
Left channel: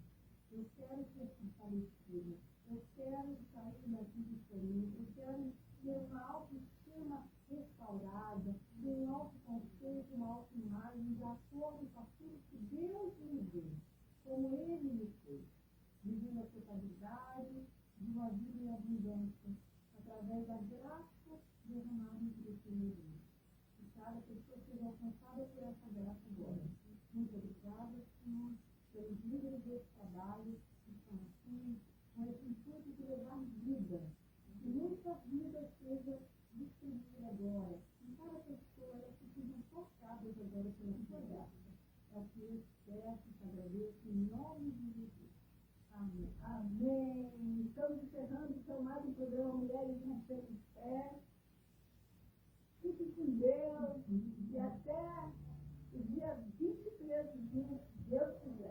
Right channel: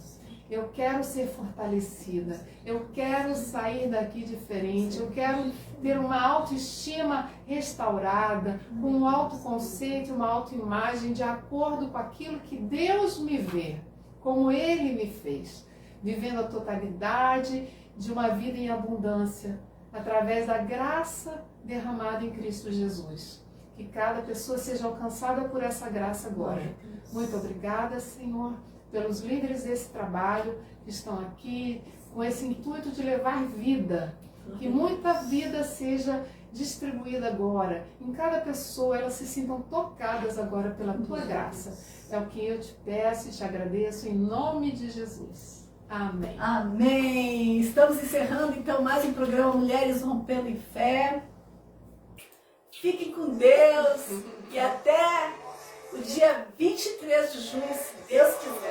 Eu quero ser fortalecida, eu quero sair daqui diferente, eu quero ter uma autoestima restaurada, com um autoconceito, uma autoimagem de acordo com aquilo que Deus me vê. Como Ele me fez, vivendo a totalidade de uma vida em abundância, através da graça derramada em Cristo Jesus. Que cada pessoa seja alcançada por essa graça agora. Muito obrigada, Senhor, pelos líderes desse trabalho que estão aqui, com esse intuito de levar vida. Que muita vida seja distribuída agora. Em cada pessoa, elas se sintam tocadas agora pela Tua graça. É o que eu te peço e te agradeço em nome de Jesus. Amém. Amém. Estamos encerrando então mais um programa Mulheres Rompendo em Fé. Fiquem com Deus e até o dia 23 de junho, se Deus quiser.